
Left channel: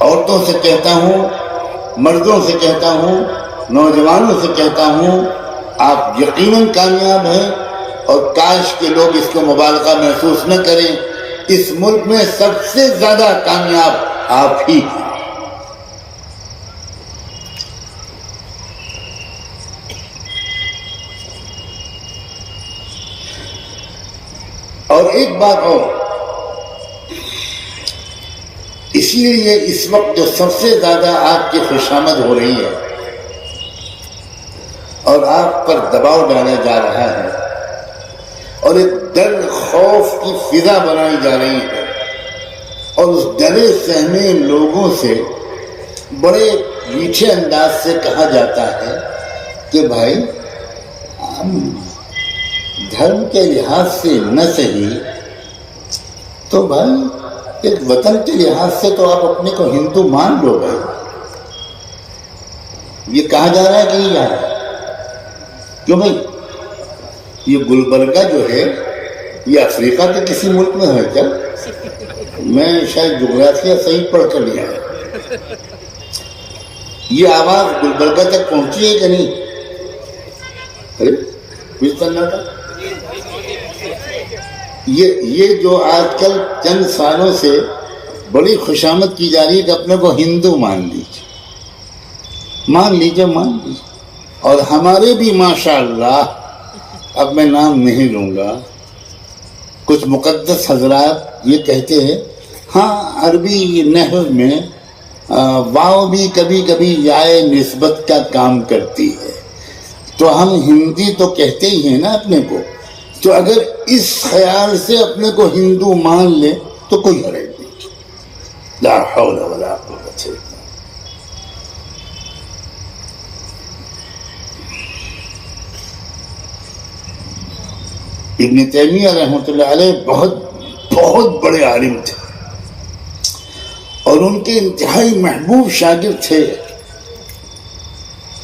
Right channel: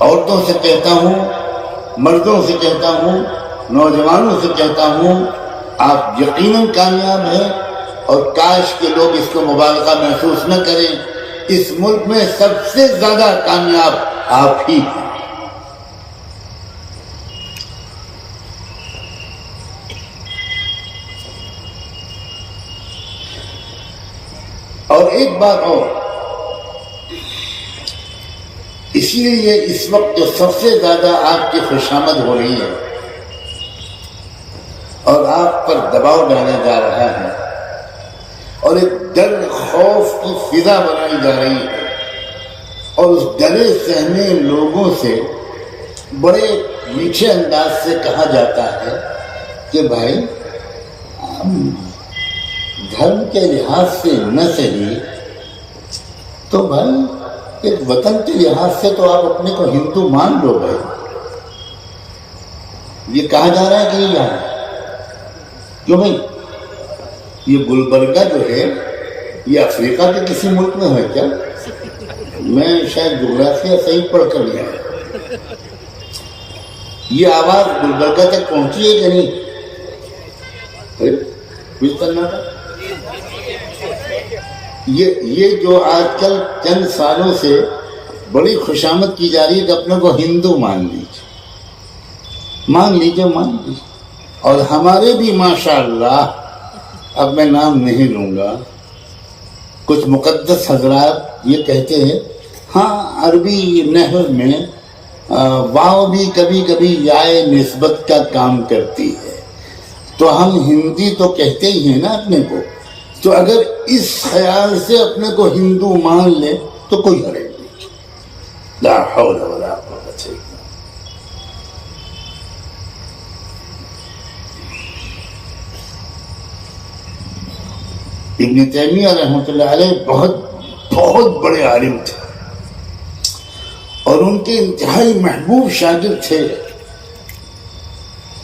عورتوں سے کہتا ہوں، مردوں سے کہتا ہوں، نوجوانوں سے کہتا ہوں، آپ یقیناً کامیاب ہیں. اور کاش کے لوگ اس کو مبالغہ محسوس نہ کریں، اس ملک میں سب سے زیادہ کامیاب آپ ہی ہیں. اور ایک بات اور، اسی لیے اس وقت جو سب سے زیادہ آپ کی خوشامد ہو رہی ہے اور آپ پر دباؤ ڈالا جا رہا ہے اور ایک ڈر خوف کی فضا بنائی جا رہی ہے، اور اس ڈرے سہمے لوگوں سے بڑے میٹھے انداز سے کہا جاتا ہے کہ بھائی ہم دھرم کے لحاظ سے نہ صحیح تو بھائی ایک وطن کے لحاظ سے تو آپ اپنے کو ہندو مان لو گے. یہ کہا جا رہا ہے کہ نہیں یہاں؟ کیوں بھائی یہ گلبرگہ جو ہے یہ افریقہ کے کسی ملک میں ہے کیا؟ میں شاید جغرافیہ صحیح پڑھ کر لیا ہے. یہ آواز گلبرگہ تک پہنچی ہے کہ نہیں؟ یہ جو آج کل چند سالوں سے بڑی خوشامد کی جا رہی ہے کہ اپنے کو ہندو مان لیجیے، مان لیجیے، مان لیجیے. اور ہمارے بھی ماشاءاللہ، اب میں نام نہیں لوں گا، کچھ مقدس حضرات یہ کہتے ہیں ہاں عربی نحو میں واو بھی کبھی کبھی یائے نسبت کا کام کرتی ہے، تو ہم ہندی تو کہتے ہی ہیں نا اپنے کو. تو اگر اس خیال سے اپنے کو ہندو مان لے تو کوئی حرج نہیں. لا حول ولا قوت الا باللہ. ابن تیمیہ رحمۃ اللہ علیہ بہت بڑے عالم تھے اور ان کے انتہائی محبوب شاگرد تھے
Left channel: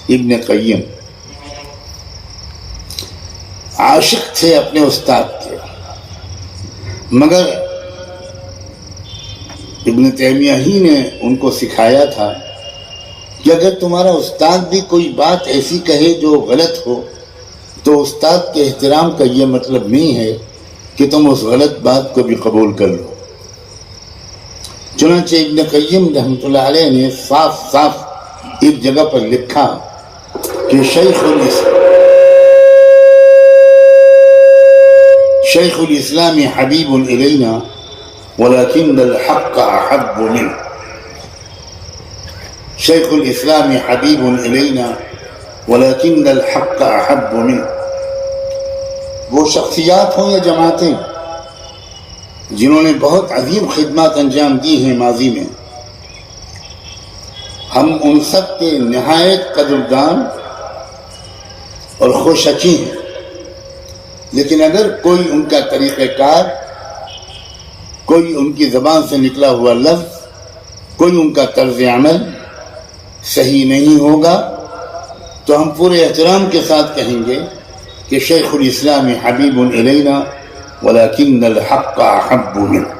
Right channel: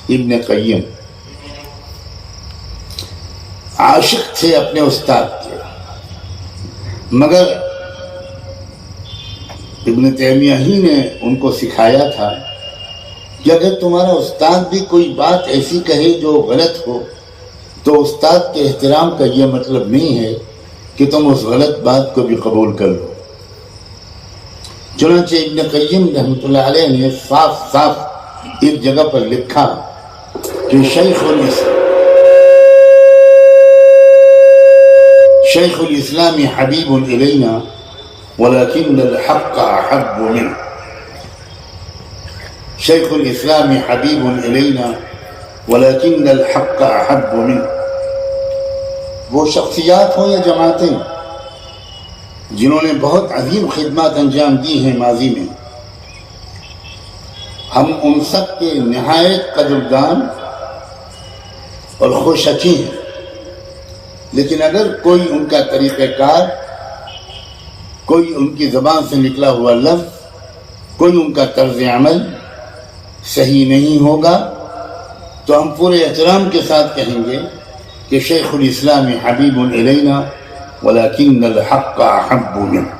ابن قیم. عاشق تھے اپنے استاد کے، مگر ابن تیمیہ ہی نے ان کو سکھایا تھا کہ اگر تمہارا استاد بھی کوئی بات ایسی کہے جو غلط ہو تو استاد کے احترام کا یہ مطلب نہیں ہے کہ تم اس غلط بات کو بھی قبول کر لو. چنانچہ ابن قیم رحمۃ اللہ علیہ نے صاف صاف ایک جگہ پر لکھا کہ شیخ الاسلام حبیب الینا ولكن الحق احب منه. شیخ الاسلام حبیب الینا ولكن الحق احب منه. وہ شخصیات ہوں یا جماعتیں جنہوں نے بہت عظیم خدمات انجام دی ہیں ماضی میں، ہم ان سب کے نہایت قدردان اور خوشچی ہیں. لیکن اگر کوئی ان کا طریقہ کار، کوئی ان کی زبان سے نکلا ہوا لفظ، کوئی ان کا طرز عمل صحیح نہیں ہوگا تو ہم پورے احترام کے ساتھ کہیں گے کہ شیخ الاسلام حبیب الینا ولكن الحق احب منه.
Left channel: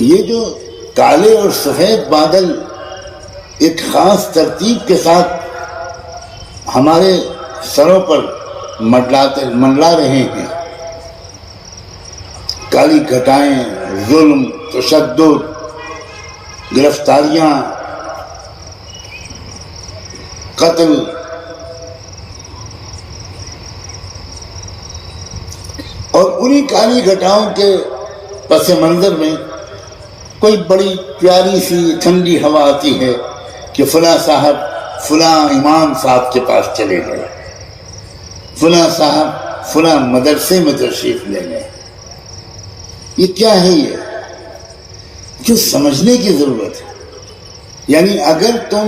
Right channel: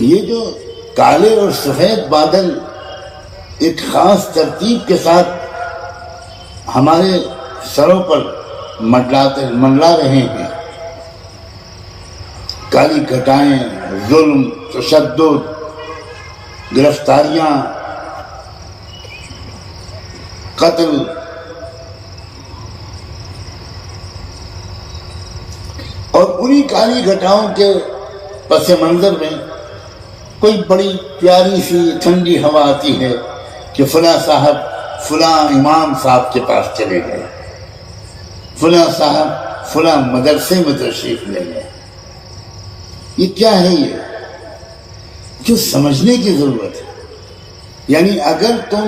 یہ جو کالے اور سفید بادل ایک خاص ترتیب کے ساتھ ہمارے سروں پر منڈلا رہے ہیں، کالی گھٹائیں، ظلم، تشدد، گرفتاریاں، قتل، اور انہی کالی گھٹاؤں کے پس منظر میں کوئی بڑی پیاری سی ٹھنڈی ہوا آتی ہے کہ فلاں صاحب فلاں امام صاحب کے پاس چلے گئے، فلاں صاحب فلاں مدرسے میں تشریف لے گئے. یہ کیا ہے؟ یہ جو سمجھنے کی ضرورت ہے. یعنی اگر تم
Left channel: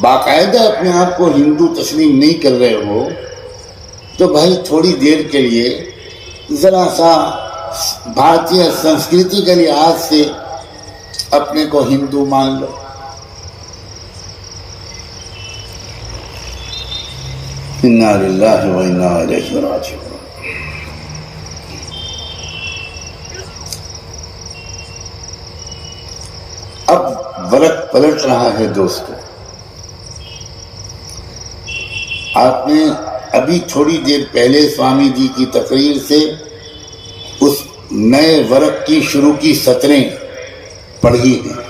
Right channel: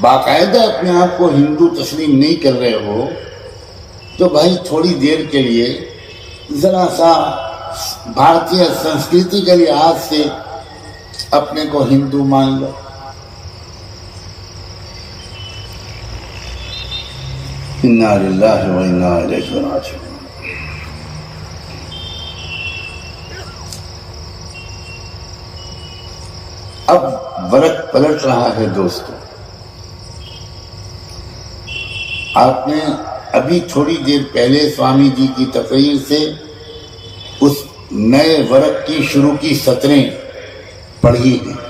باقاعدہ اپنے آپ کو ہندو تسلیم نہیں کر رہے ہو تو بھائی تھوڑی دیر کے لیے ذرا سا بھارتیہ سنسکرتی کے لحاظ سے اپنے کو ہندو مان لو. انا للہ و انا الیہ راجعون. اب ورق پلٹ رہا ہے دوستو. آپ نے ابھی تھوڑی دیر پہلے سوامی جی کی تقریر سے اس نئے ورق کی شروع کی سطریں پڑھی ہیں.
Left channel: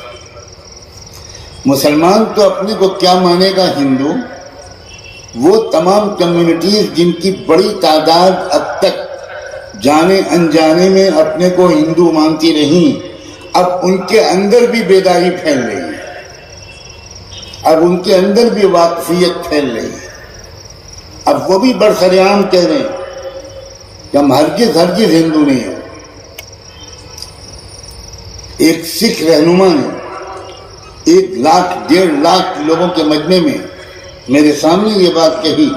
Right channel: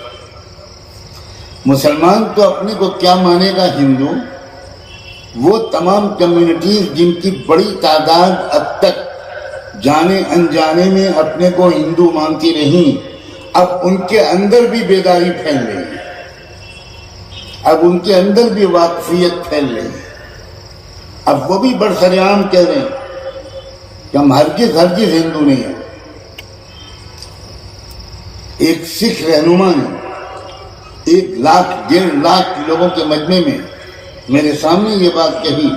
مسلمان تو اپنے کو کیا مانے گا ہندو؟ وہ تمام کمیونٹیز جن کی بڑی تعداد اب تک جانے انجانے میں اپنے کو ہندو مانتی رہیں، اب ان کے اندر بھی بیداری پھیل رہی ہے، اب ان کے اندر بھی واقفیت پھیل رہی ہے. اب وہ بھی برسریام کہہ رہے ہیں کہ ہم ہرگز ہندو نہیں ہیں. ایک سکھ رہنما نے 1 لاکھ 1.5 لاکھ لوگوں کے مجمع میں میرے سامنے یہ بات کہی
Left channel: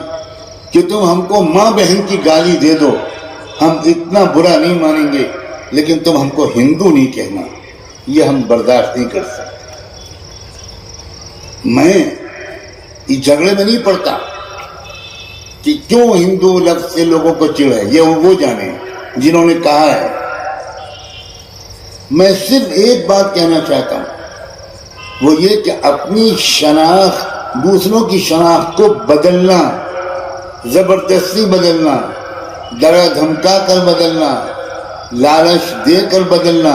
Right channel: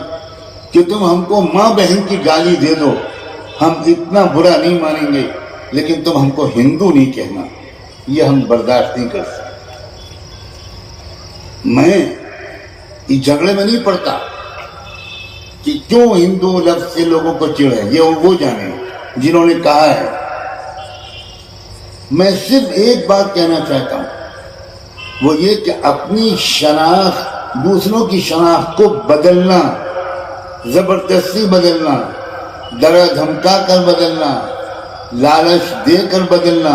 کہ تم ہم کو ماں بہن کی گالی دے دو، ہم اتنا برا نہیں مانیں گے، لیکن تم ہم کو ہندو نہیں کہنا، یہ ہم برداشت نہیں کر سکتے. میں اس جھگڑے میں نہیں پڑتا کہ کیوں ہندو لفظ سے لوگوں کو چڑ ہے، یہ وہ جانے جنہوں نے کہا ہے. میں صرف ایک بات کہنا چاہتا ہوں، وہ یہ کہ اپنی شناخت دوسروں کی شناخت کو بدلنا، زبردستی بدلنا، ڈرا دھمکا کر بدلنا، لالچ دے کر بدلنا،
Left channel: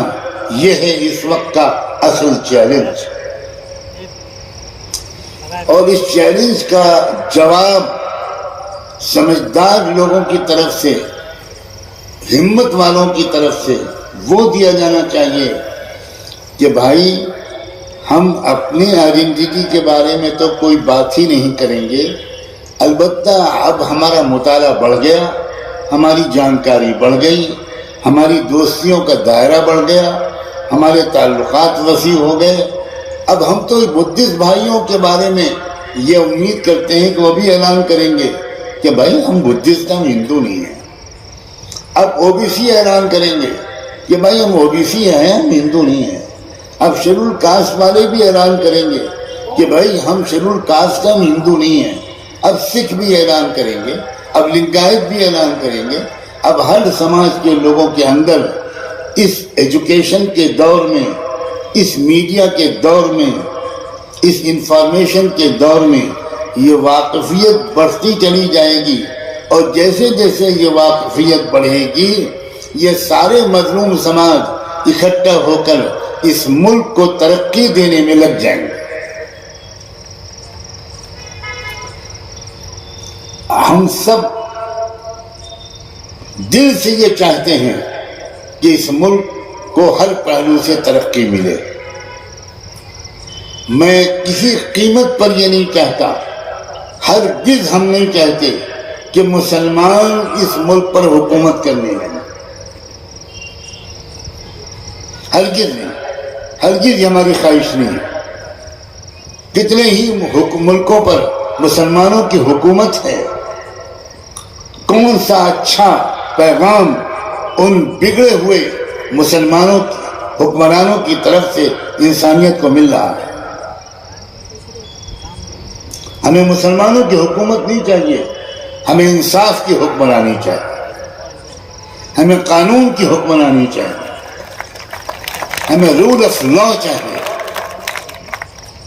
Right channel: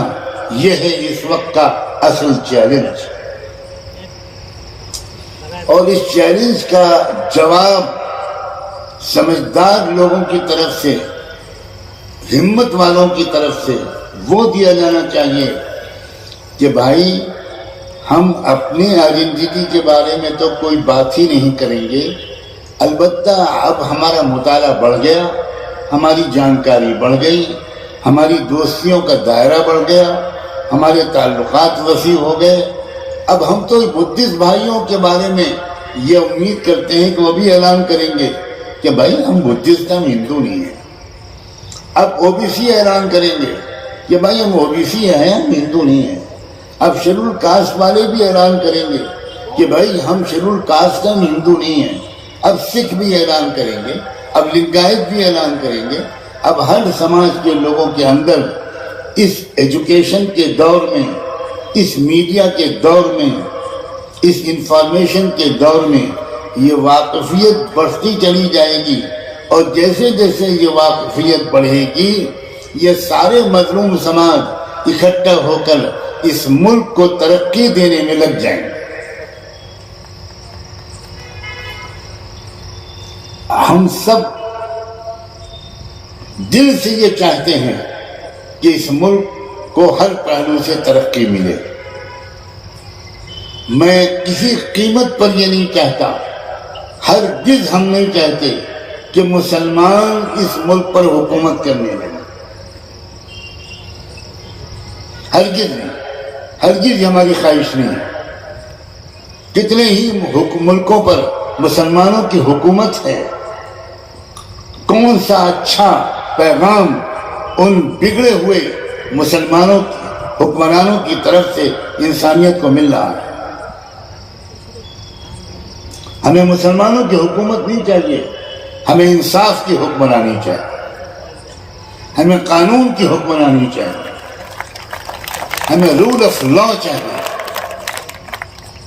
یہ ہے اس وقت کا اصل چیلنج. اور اس چیلنج کا جواب سمجھدار لوگوں کی طرف سے، ہمت والوں کی طرف سے وہ دیا جانا چاہیے کہ بھائی ہم اپنی آئیڈینٹی کے بارے میں تو کوئی بات ہی نہیں کریں گے. البتہ اب ہمارا مطالعہ بڑھ گیا، ہماری جانکاری بڑھ گئی، ہماری دوستیوں کا دائرہ بڑھ گیا، ہمارے تعلقات وسیع ہو گئے. اب ہم تو بدھسٹ بھائیوں کے بارے میں یہ امید کرتے ہیں کہ وہ بھی اعلان کریں گے کہ بھائی ہم بدھسٹ، ہم ہندو نہیں ہیں. اب او بی سی اعلان کریں گے کہ بھائی ہم او بی سی ہیں، ہم ہندو نہیں ہیں. اب شیڈول کاسٹ والے بھی اعلان کریں گے کہ بھائی ہم شیڈول کاسٹ، ہم ہندو نہیں ہیں. اب سکھ بھی اعلان کریں گے، اب لنگایت بھی اعلان کریں گے. اب ہر سماج کے لوگوں کے اندر اس ایجوکیشن کے دور میں، اس میڈیا کے دور میں اس انفارمیشن کے دور میں یہ واقفیت بڑھتی چلی جائے گی، اور جیسے جیسے یہ واقفیت بڑھے گی یہ سارے مظلوم سماج اکٹھا ہو کر اس ملک کو ترقی دینے میں لگ جائیں گے۔ ہم سب دل سے یہ چاہتے ہیں کہ اس ملک کو ہر پہلو سے ترقی ملے۔ میں کسی قیمت پر یہ نہیں چاہتا، ہرگز ہم نہیں چاہتے کہ مسلمان اس ملک پر حکومت کرنے لگے، ہرگز نہیں، ہرگز یہ ہماری خواہش نہیں ہے۔ کتنے ہی ملکوں پر مسلمانوں کی حکومت ہے، کون سا اچھا پیغام ان بگڑے ہوئے مسلمانوں حکمرانوں کی طرف سے انسانیت کو مل رہا ہے۔ ہمیں مسلمانوں کی حکومت نہیں چاہیے، ہمیں انصاف کی حکمرانی چاہیے، ہمیں قانون کی حکمرانی چاہیے، ہمیں رول آف لا چاہیے،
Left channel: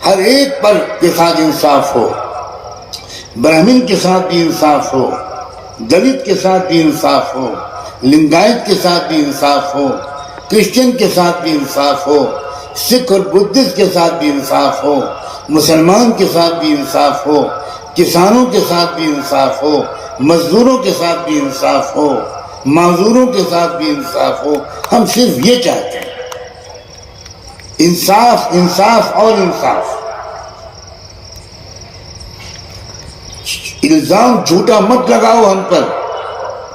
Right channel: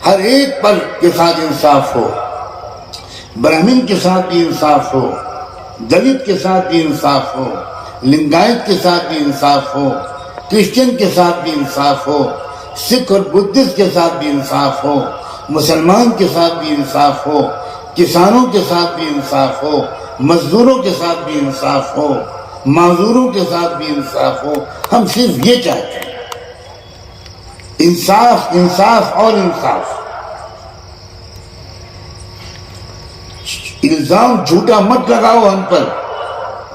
ہر ایک پر کے ساتھ انصاف ہو، برہمن کے ساتھ بھی انصاف ہو، دلت کے ساتھ بھی انصاف ہو، لنگایت کے ساتھ بھی انصاف ہو، کرسچن کے ساتھ بھی انصاف ہو، سکھ اور بدھسٹ کے ساتھ بھی انصاف ہو، مسلمان کے ساتھ بھی انصاف ہو، کسانوں کے ساتھ بھی انصاف ہو، مزدوروں کے ساتھ بھی انصاف ہو، معذوروں کے ساتھ بھی انصاف ہو۔ ہم صرف یہ چاہتے ہیں، انصاف، انصاف اور انصاف۔ الزام جھوٹا مت لگاؤ ہم پر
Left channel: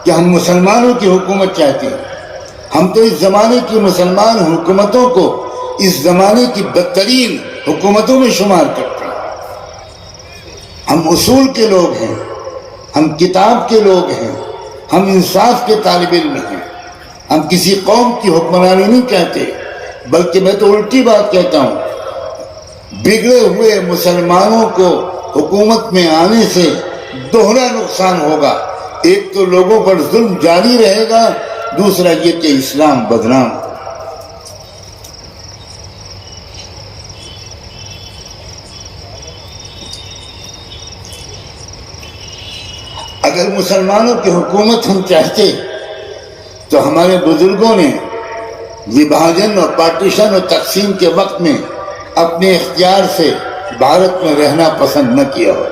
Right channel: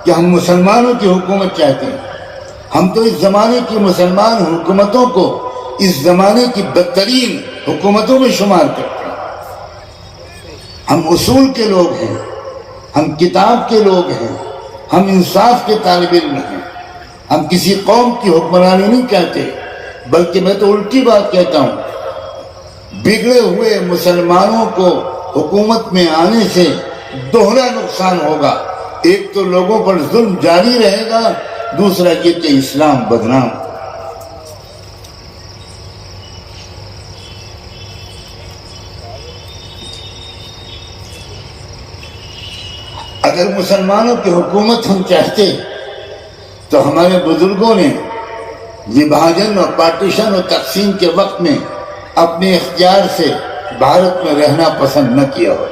کہ ہم مسلمانوں کی حکومت چاہتے ہیں۔ ہم تو اس زمانے کی مسلمان حکومتوں کو اس زمانے کی بدترین حکومتوں میں شمار کرتے ہیں۔ ہم اصول کے لوگ ہیں، ہم کتاب کے لوگ ہیں، ہم انصاف کے طالب علم ہیں۔ ہم کسی قوم کی حکمرانی نہیں چاہتے، بلکہ میں تو الٹی بات کہتا ہوں، بگڑے ہوئے مسلمانوں کو حکومت میں آنے سے دوہرا نقصان ہوگا۔ ایک تو لوگوں پر ظلم جاری رہے گا، دوسرا یہ کہ اسلام بدنام۔ اگر مسلمانوں کی حکومت ہم چاہتے تو ہمارے بزرگوں نے وبھاجن اور پارٹیشن اور تقسیم کے وقت میں اپنے اختیار سے بھارت میں رہنا پسند نہ کیا ہو۔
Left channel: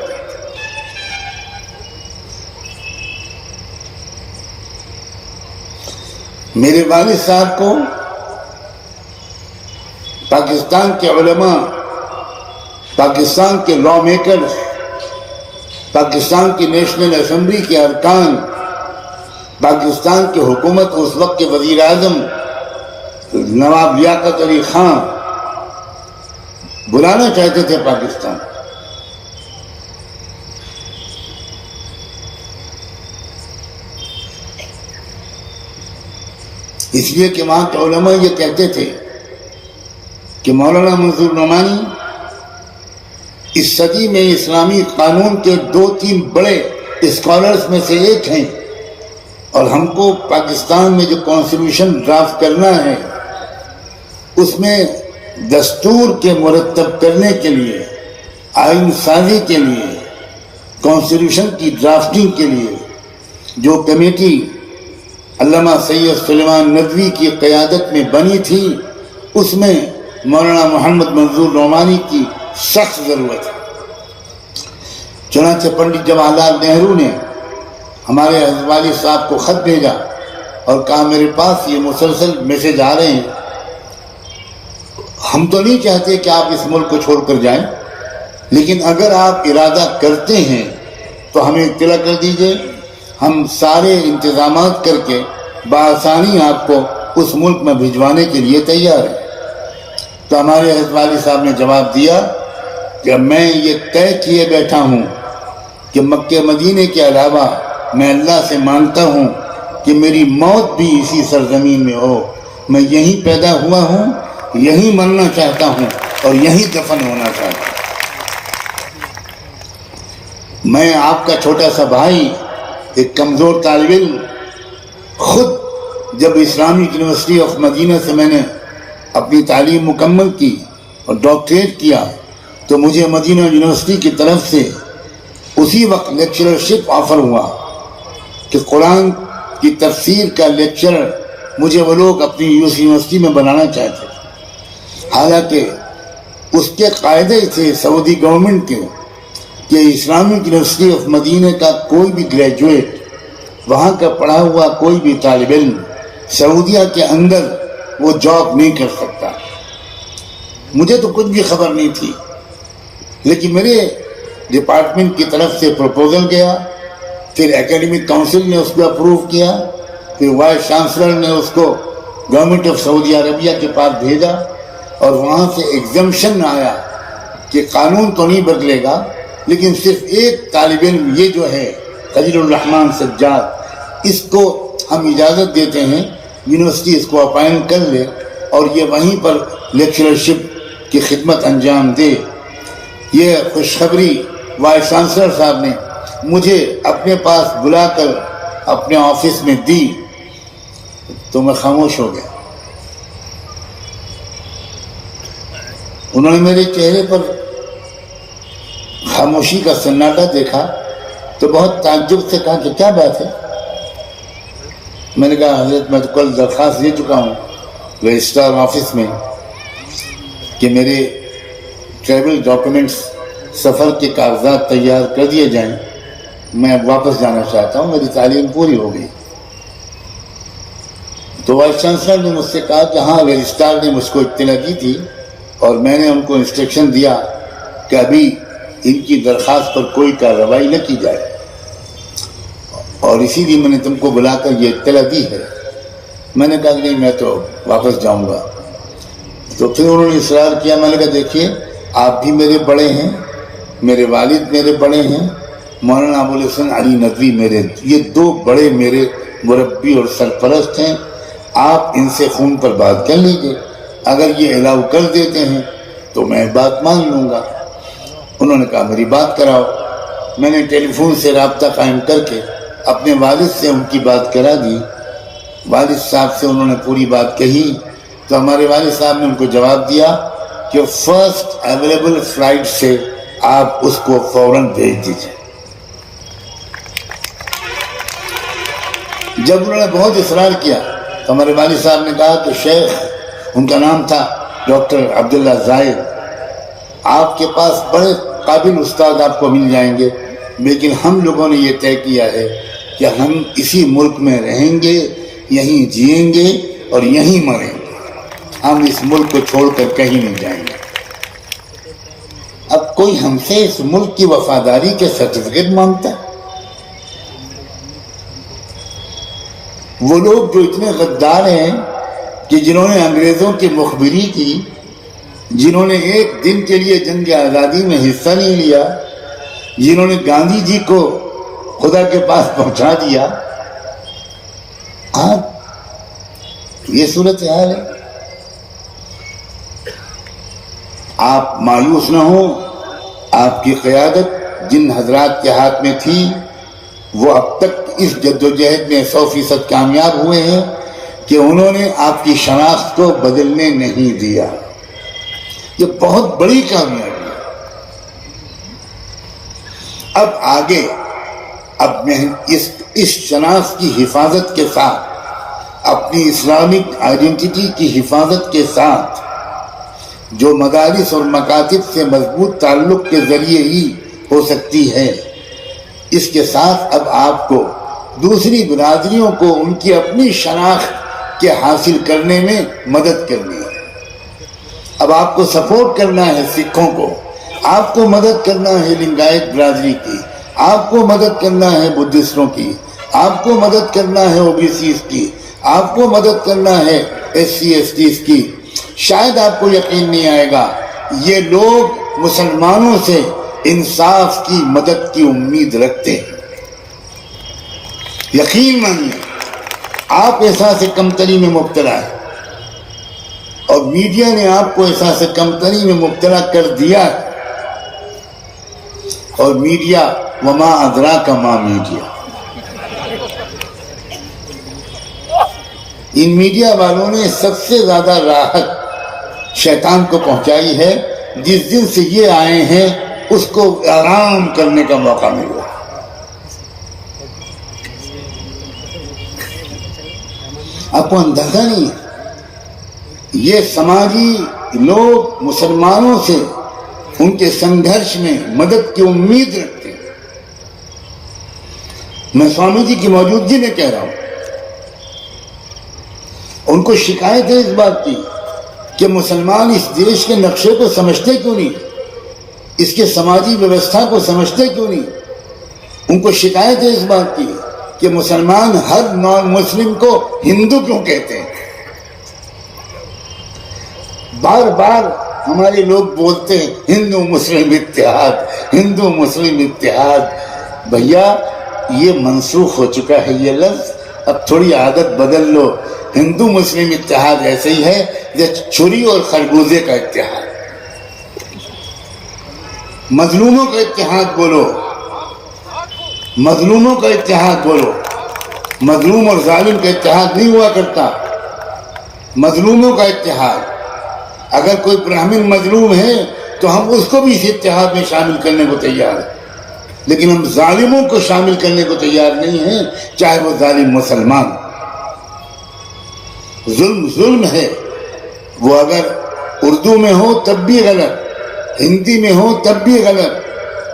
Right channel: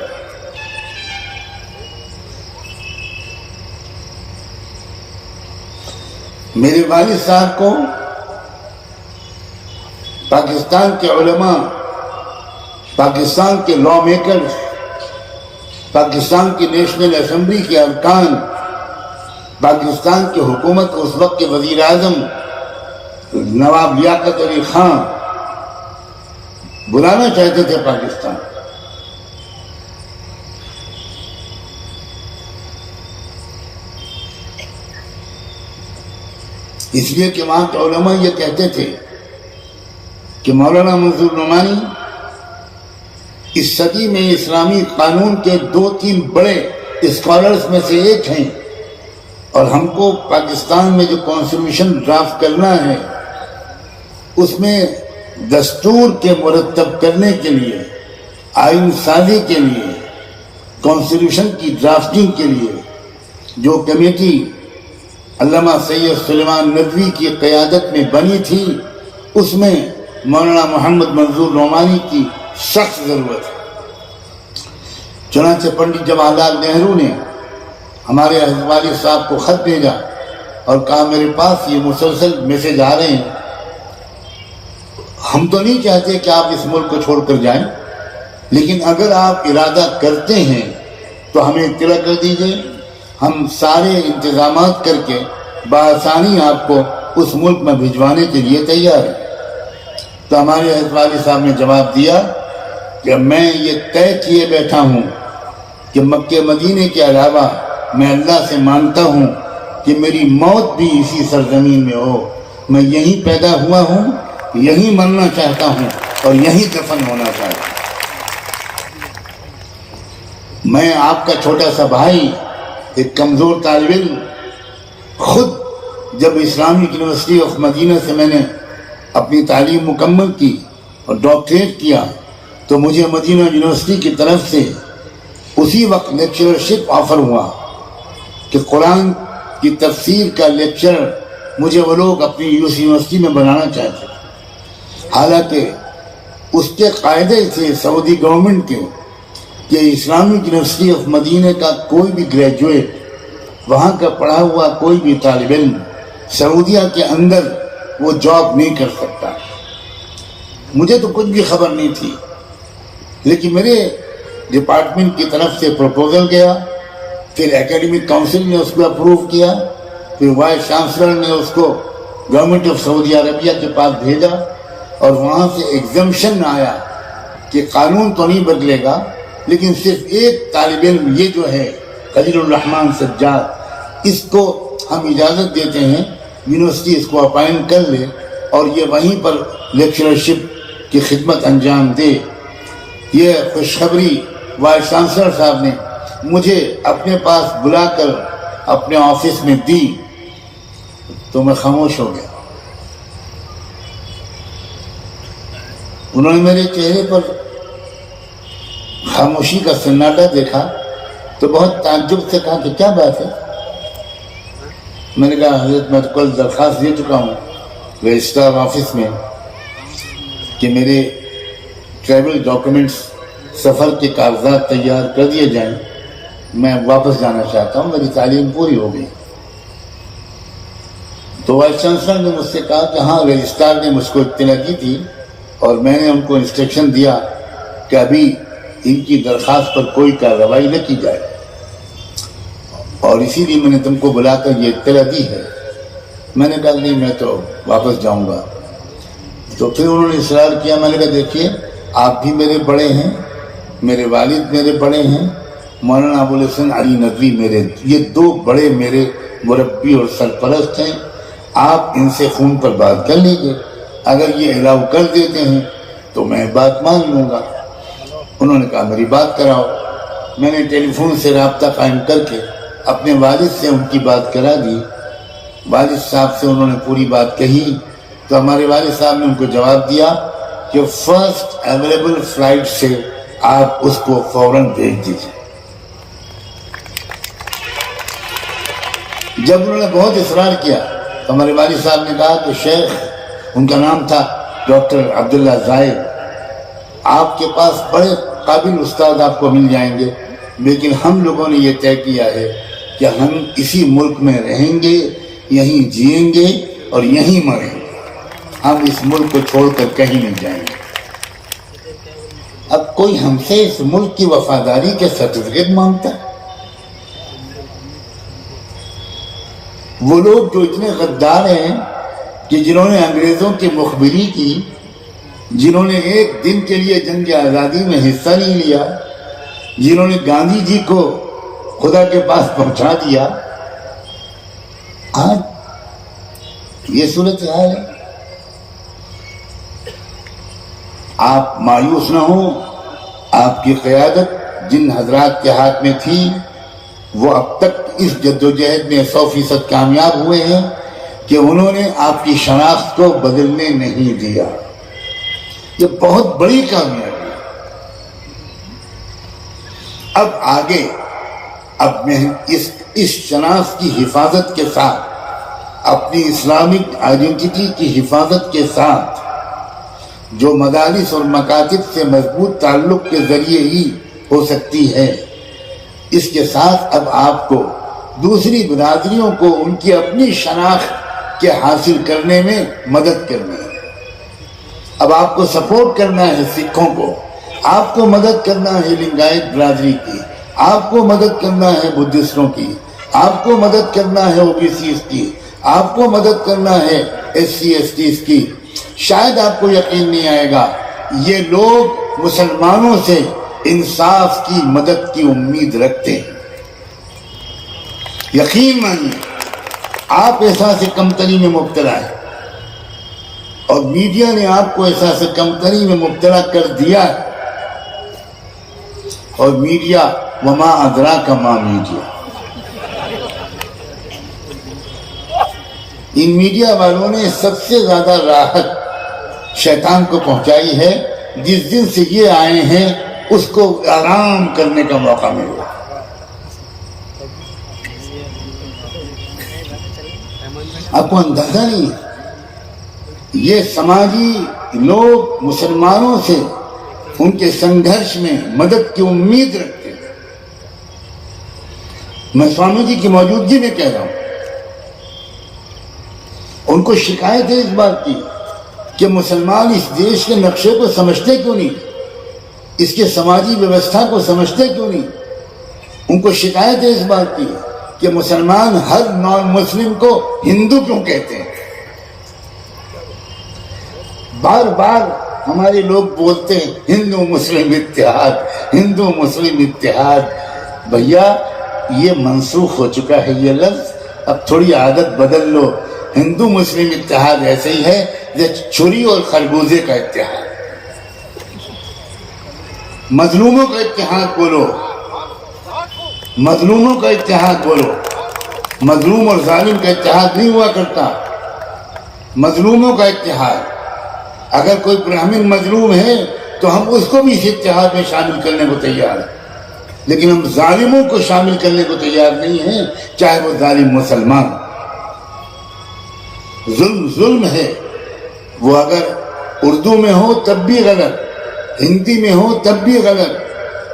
میرے والد صاحب کو پاکستان کے علماء، پاکستان کے لا میکرز، پاکستان کی نیشنل اسمبلی کے ارکان، پاکستان کی حکومت اس وقت کے وزیر اعظم نواب لیاقت علی خان بلانا چاہتے تھے پاکستان۔ اس لیے کہ وہاں کے علماء یہ کہتے تھے کہ مولانا منظور نعمانی اس صدی میں اسلامی قانون کے 2-3 بڑے اسکالرز میں سے ایک ہیں، اور ہم کو پاکستان میں جو کانسٹیٹیوشن ڈرافٹ کرنا ہے اس میں دستور کے مرتب کرنے کے لیے، آئین سازی کے لیے، کانسٹیٹیوشن کی ڈرافٹنگ کے لیے جو کمیٹی علامہ سید سلیمان ندوی کی قیادت میں بنی تھی، اس میں مولانا محمد منظور نعمانی کی سخت ضرورت ہے۔ چنانچہ پنڈت جواہر لال نہرو نے ہمارے والد صاحب کو خط بھیجا اور کہا میرے پاس یہ مسلسل میسج آ رہے ہیں، ہم تو نہیں چاہتے کہ آپ اس ملک کو چھوڑ کر جائیں، لیکن اگر آپ ارادہ کرتے ہیں تو ہمیں اطلاع کر دیجئے، ہم سارے انتظامات کر کے بآسانی آپ کو اس ملک میں بھجوانے کے لیے تیار ہیں۔ تو ہمارے والد صاحب نے جواب دیا کہ میں یہ طے کیے بیٹھا ہوں کہ مکہ مدینے کے علاوہ میں اللہ سے مانگتا ہوں کہ میری موت بھی اسی سرزمین میں ہو، میں یہیں پیدا ہوا ہوں، یہیں مرنا چاہتا ہوں اور یہیں دفن ہونا چاہتا ہوں۔ میں آپ کا چھوٹا سا بھائی، ایک کمزور طالب علم، خود جب اسلامک یونیورسٹی آف مدینہ سے میں نے اپنی تعلیم مکمل کی اور ڈاکٹریٹ کیا تو مجھے مدینہ یونیورسٹی کی طرف سے اسی وقت لیکچررشپ آفر ہوا کہ قرآن کی تفسیر کا لیکچرر مجھے وہ لوگ اپنی یونیورسٹی میں بنانا چاہتے تھے. حالانکہ اس کے قاعدے تھے سعودی گورنمنٹ کے کہ اسلامک یونیورسٹی آف مدینہ کا کوئی بھی گریجویٹ، وہاں کا پڑھا ہوا کوئی بھی طالب علم سعودیہ کے اندر وہ جاب نہیں کر سکتا. مجھے تو کچھ بھی خبر نہیں تھی، لیکن میرے ڈپارٹمنٹ کی طرف سے پروپوزل گیا، پھر اکیڈمک کاؤنسل نے اس کو اپروو کیا، پھر وائس چانسلر نے اس کو گورنمنٹ آف سعودی عربیہ کے پاس بھیجا، اور وہاں سے ایگزمپشن آیا کہ قانون تو نہیں بدلے گا، لیکن صرف ایک طالب علم یہ جو ہے خلیل الرحمن سجاد، اس کو ہم اجازت دیتے ہیں یونیورسٹی اس کو اپائنٹ کر لے اور یہ وہیں پر لیکچررشپ کی خدمت انجام دے. یہ خوشخبری وائس چانسلر صاحب نے مجھے اپنے پاس بلا کر اپنے آفس میں دی تو میں خاموش ہو گیا. انہوں نے میرے چہرے پر خاموشی کا سناٹا دیکھا تو بہت تعجب سے کہا کہ کیا بات ہے. میں نے کہا حضرت میں تو کل درخواست دے چکا ہوں رجسٹرار آفس میں کہ میرے ٹریول ڈاکومنٹس سفر کے کاغذات تیار کر دیے جائیں، میں واپس جانا چاہتا ہوں، میری تعلیم پوری ہو گئی. تو وائس چانسلر نے مجھ سے کہا کہ ہاں رجسٹرار نے مجھ کو اطلاع دی تھی اور میں نے ان کو انسٹرکشن دیا کہ ابھی ان کی درخواست پر کوئی کارروائی نہ کی جائے، اور اسی لیے میں نے تم کو بلا کر یہ اطلاع دی ہے. میں نے کہا نہیں میں تو واپس جاؤں گا. تو پھر انہوں نے اصرار کیا. میں نے کہا دیکھیے آپ بھی میرے بڑے ہیں، میرے والد میرے بڑے ہیں، مولانا ابو الحسن علی ندوی میرے، یہ دو بڑے میرے مربی اور سرپرست ہیں. آپ ان سے فون پر بات کر لیجیے، اگر یہ الاؤ کر دیتے ہیں تو میں بات مان لوں گا. انہوں نے کہا میری بات کراؤ. میں نے ٹیلی فون سے رابطہ قائم کر کے اپنے والد سے ان کی بات کرا دی. والد صاحب سے انہوں نے پوری بات کہی تو ہمارے والد صاحب نے ان کو جواب دیا کہ فرسٹ اویلیبل فلائٹ سے آپ اس کو فوراً بھیج دیجیے. جب انہوں نے بہت اصرار کیا تو ہمارے والد صاحب نے کہا کہ شیخ، ان کا نام تھا ڈاکٹر عبداللہ زاہد، آپ کے پاس بڑے قابل استاد آپ کو مل جائیں گے، لیکن ہم لوگوں نے یہ طے کیا ہے کہ ہم اسی ملک میں رہیں گے، یہیں جئیں گے اور یہیں مریں گے، ہم اس ملک کو چھوڑ کر کہیں نہیں جائیں گے. اب کوئی ہم سے اس ملک کی وفاداری کے سرٹیفکیٹ مانگتا ہے؟ وہ لوگ جو اتنے غدار ہیں کہ جنہوں نے انگریزوں کی مخبری کی، جنہوں نے ایک دن کے لیے جنگ آزادی میں حصہ نہیں لیا، جنہوں نے گاندھی جی کو خدا کے پاس پہنچا دیا، آپ یہ صورت حال ہے. آپ مایوس نہ ہوں. آپ کی قیادت جن حضرات کے ہاتھ میں تھی وہ اب تک اس جدوجہد میں 100% کامیاب ہوئے ہیں کہ انہوں نے آپ کی شناخت کو بدلنے نہیں دیا. یہ بہت بڑی کامیابی ہے. اب آگے اب میں اس شناخت کی حفاظت کے ساتھ، اپنی اسلامک آئیڈینٹی کی حفاظت کے ساتھ، جو مدارس اور مکاتب سے مضبوط تعلق کے ذریعے ہی ہو سکتی ہے، اس کے ساتھ اب آپ کو دوسری برادریوں کو ان کی اپنی شناخت کے حاصل کرنے میں مدد کرنی ہے. اب آپ کو سپورٹ کرنا ہے سکھوں کو، آپ کو مدد کرنا ہے لنگایت برادری کی، آپ کو مدد کرنا ہے بدھسٹوں کی، آپ کو مدد کرنا ہے او بی سیز کی، آپ کو مدد کرنا ہے ایس سی ایس ٹیز کی. شاید آپ کو یقین نہیں آئے گا، یہ لوگ مسلمانوں سے انصاف کی مدد کی امید رکھتے ہیں. یقین مانیے آپ احساس کمتری میں مبتلا ہیں اور میڈیا نے آپ کو احساس کمتری میں مبتلا کر دیا ہے. اور میڈیا وما ادراک ما میڈیا، ان میڈیا والوں نے سب سے زیادہ راحت شیطان کو پہنچائی ہے جس دن سے یہ آئے ہیں اس کو آرام کرنے کا موقع مل رہا ہے. آپ کو اندازہ نہیں ہے یہ سماجی لوگ مسلمانوں سے ان کے سنگھرش میں مدد کی امید رکھتے ہیں. میں سوامی جی کی موجودگی میں کہہ رہا ہوں, ان کو شکایت ہے اس بات کی کہ مسلمان اس دیش کے نقشے کو سمجھتے کیوں نہیں, اس کے سماجی ویوستھا کو سمجھتے کیوں نہیں. ان کو شکایت ہے اس بات کی کہ مسلمان ہر نان مسلم کو ہندو کیوں کہتے ہیں. بار بار ہمارے لوگ بولتے ہیں ہندو مسلم اتحاد, ہندو مسلم اتحاد. بھیا یہ منسوخ ہو چکا ہے یہ لفظ, اب تھوڑی عادت بدل لو. ہندو مسلم اتحاد ایسے ہی ہے جیسے چھری اور خربوزے کا اتحاد. مظلوموں کا اتحاد بولو, مظلوموں کا اتحاد بولو. مظلوم اور ظالم کا اتحاد نہیں ہوا کرتا, مظلوموں کا اتحاد. اگر کوئی براہمن مظلوم ہے تو ہم اس کو بھی اس اتحاد میں شامل کرنے کو تیار ہیں, لیکن ہم ظالموں کو شامل کرنے کو تیار نہیں ہیں, چاہے وہ ظالم مسلمان. ظلم ظلم ہے, وہ اگر اردو میں ہو تب بھی غلط, ہندی میں ہو تب بھی غلط,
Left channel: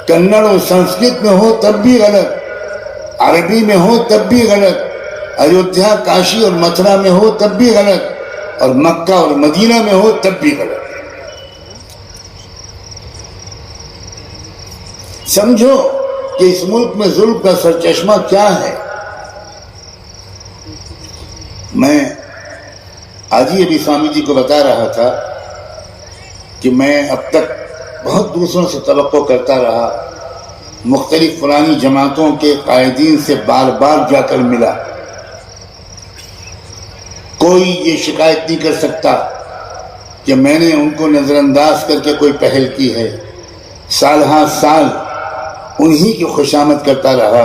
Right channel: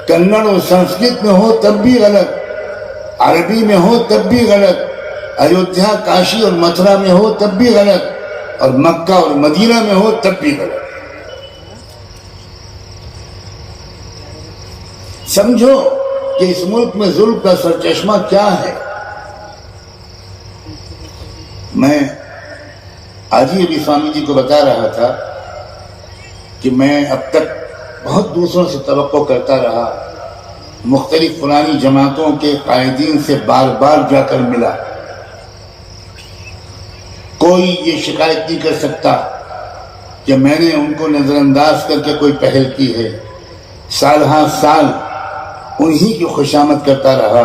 کنڑ اور سنسکرت میں ہو تب بھی غلط, عربی میں ہو تب بھی غلط, ایودھیا کاشی اور متھرا میں ہو تب بھی غلط, اور مکہ اور مدینہ میں ہو تب بھی غلط. سمجھو کہ اس ملک میں ظلم کا سرچشمہ کیا ہے. میں آج ہی ابھی سوامی جی کو بتا رہا تھا کہ میں اب تک بہت دوسروں سے توقع کرتا رہا, مختلف پرانی جماعتوں کے قائدین سے بار بار جا کر ملا, کوئی یہ شکایت نہیں کر سکتا کہ میں نے ان کو نظر انداز کر کے کوئی پہل کی ہے. سال ہاں سال انہی کی خوشامد کرتا رہا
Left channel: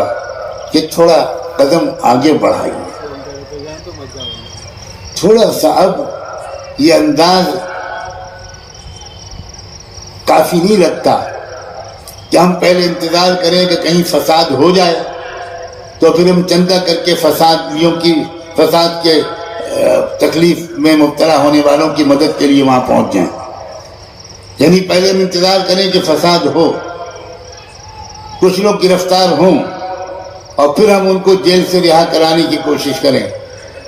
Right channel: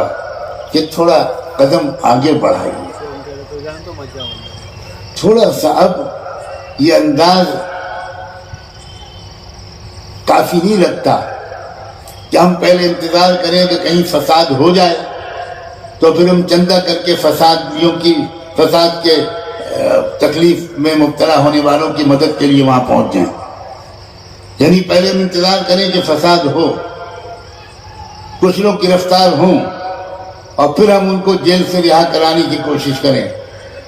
کہ تھوڑا قدم آگے بڑھائیے, تھوڑا سا. اب یہ انداز کافی نہیں لگتا کہ ہم پہلے انتظار کریں کہ کہیں فساد ہو جائے تو پھر ہم چندہ کر کے فساد کے تکلیف میں مبتلا ہونے والوں کی مدد کے لیے وہاں پہنچ جائیں. یعنی پہلے ہم انتظار کریں کہ فساد ہو, کچھ لوگ گرفتار ہوں, اور پھر ہم ان کو جیل سے رہا کرانے کی کوشش کریں.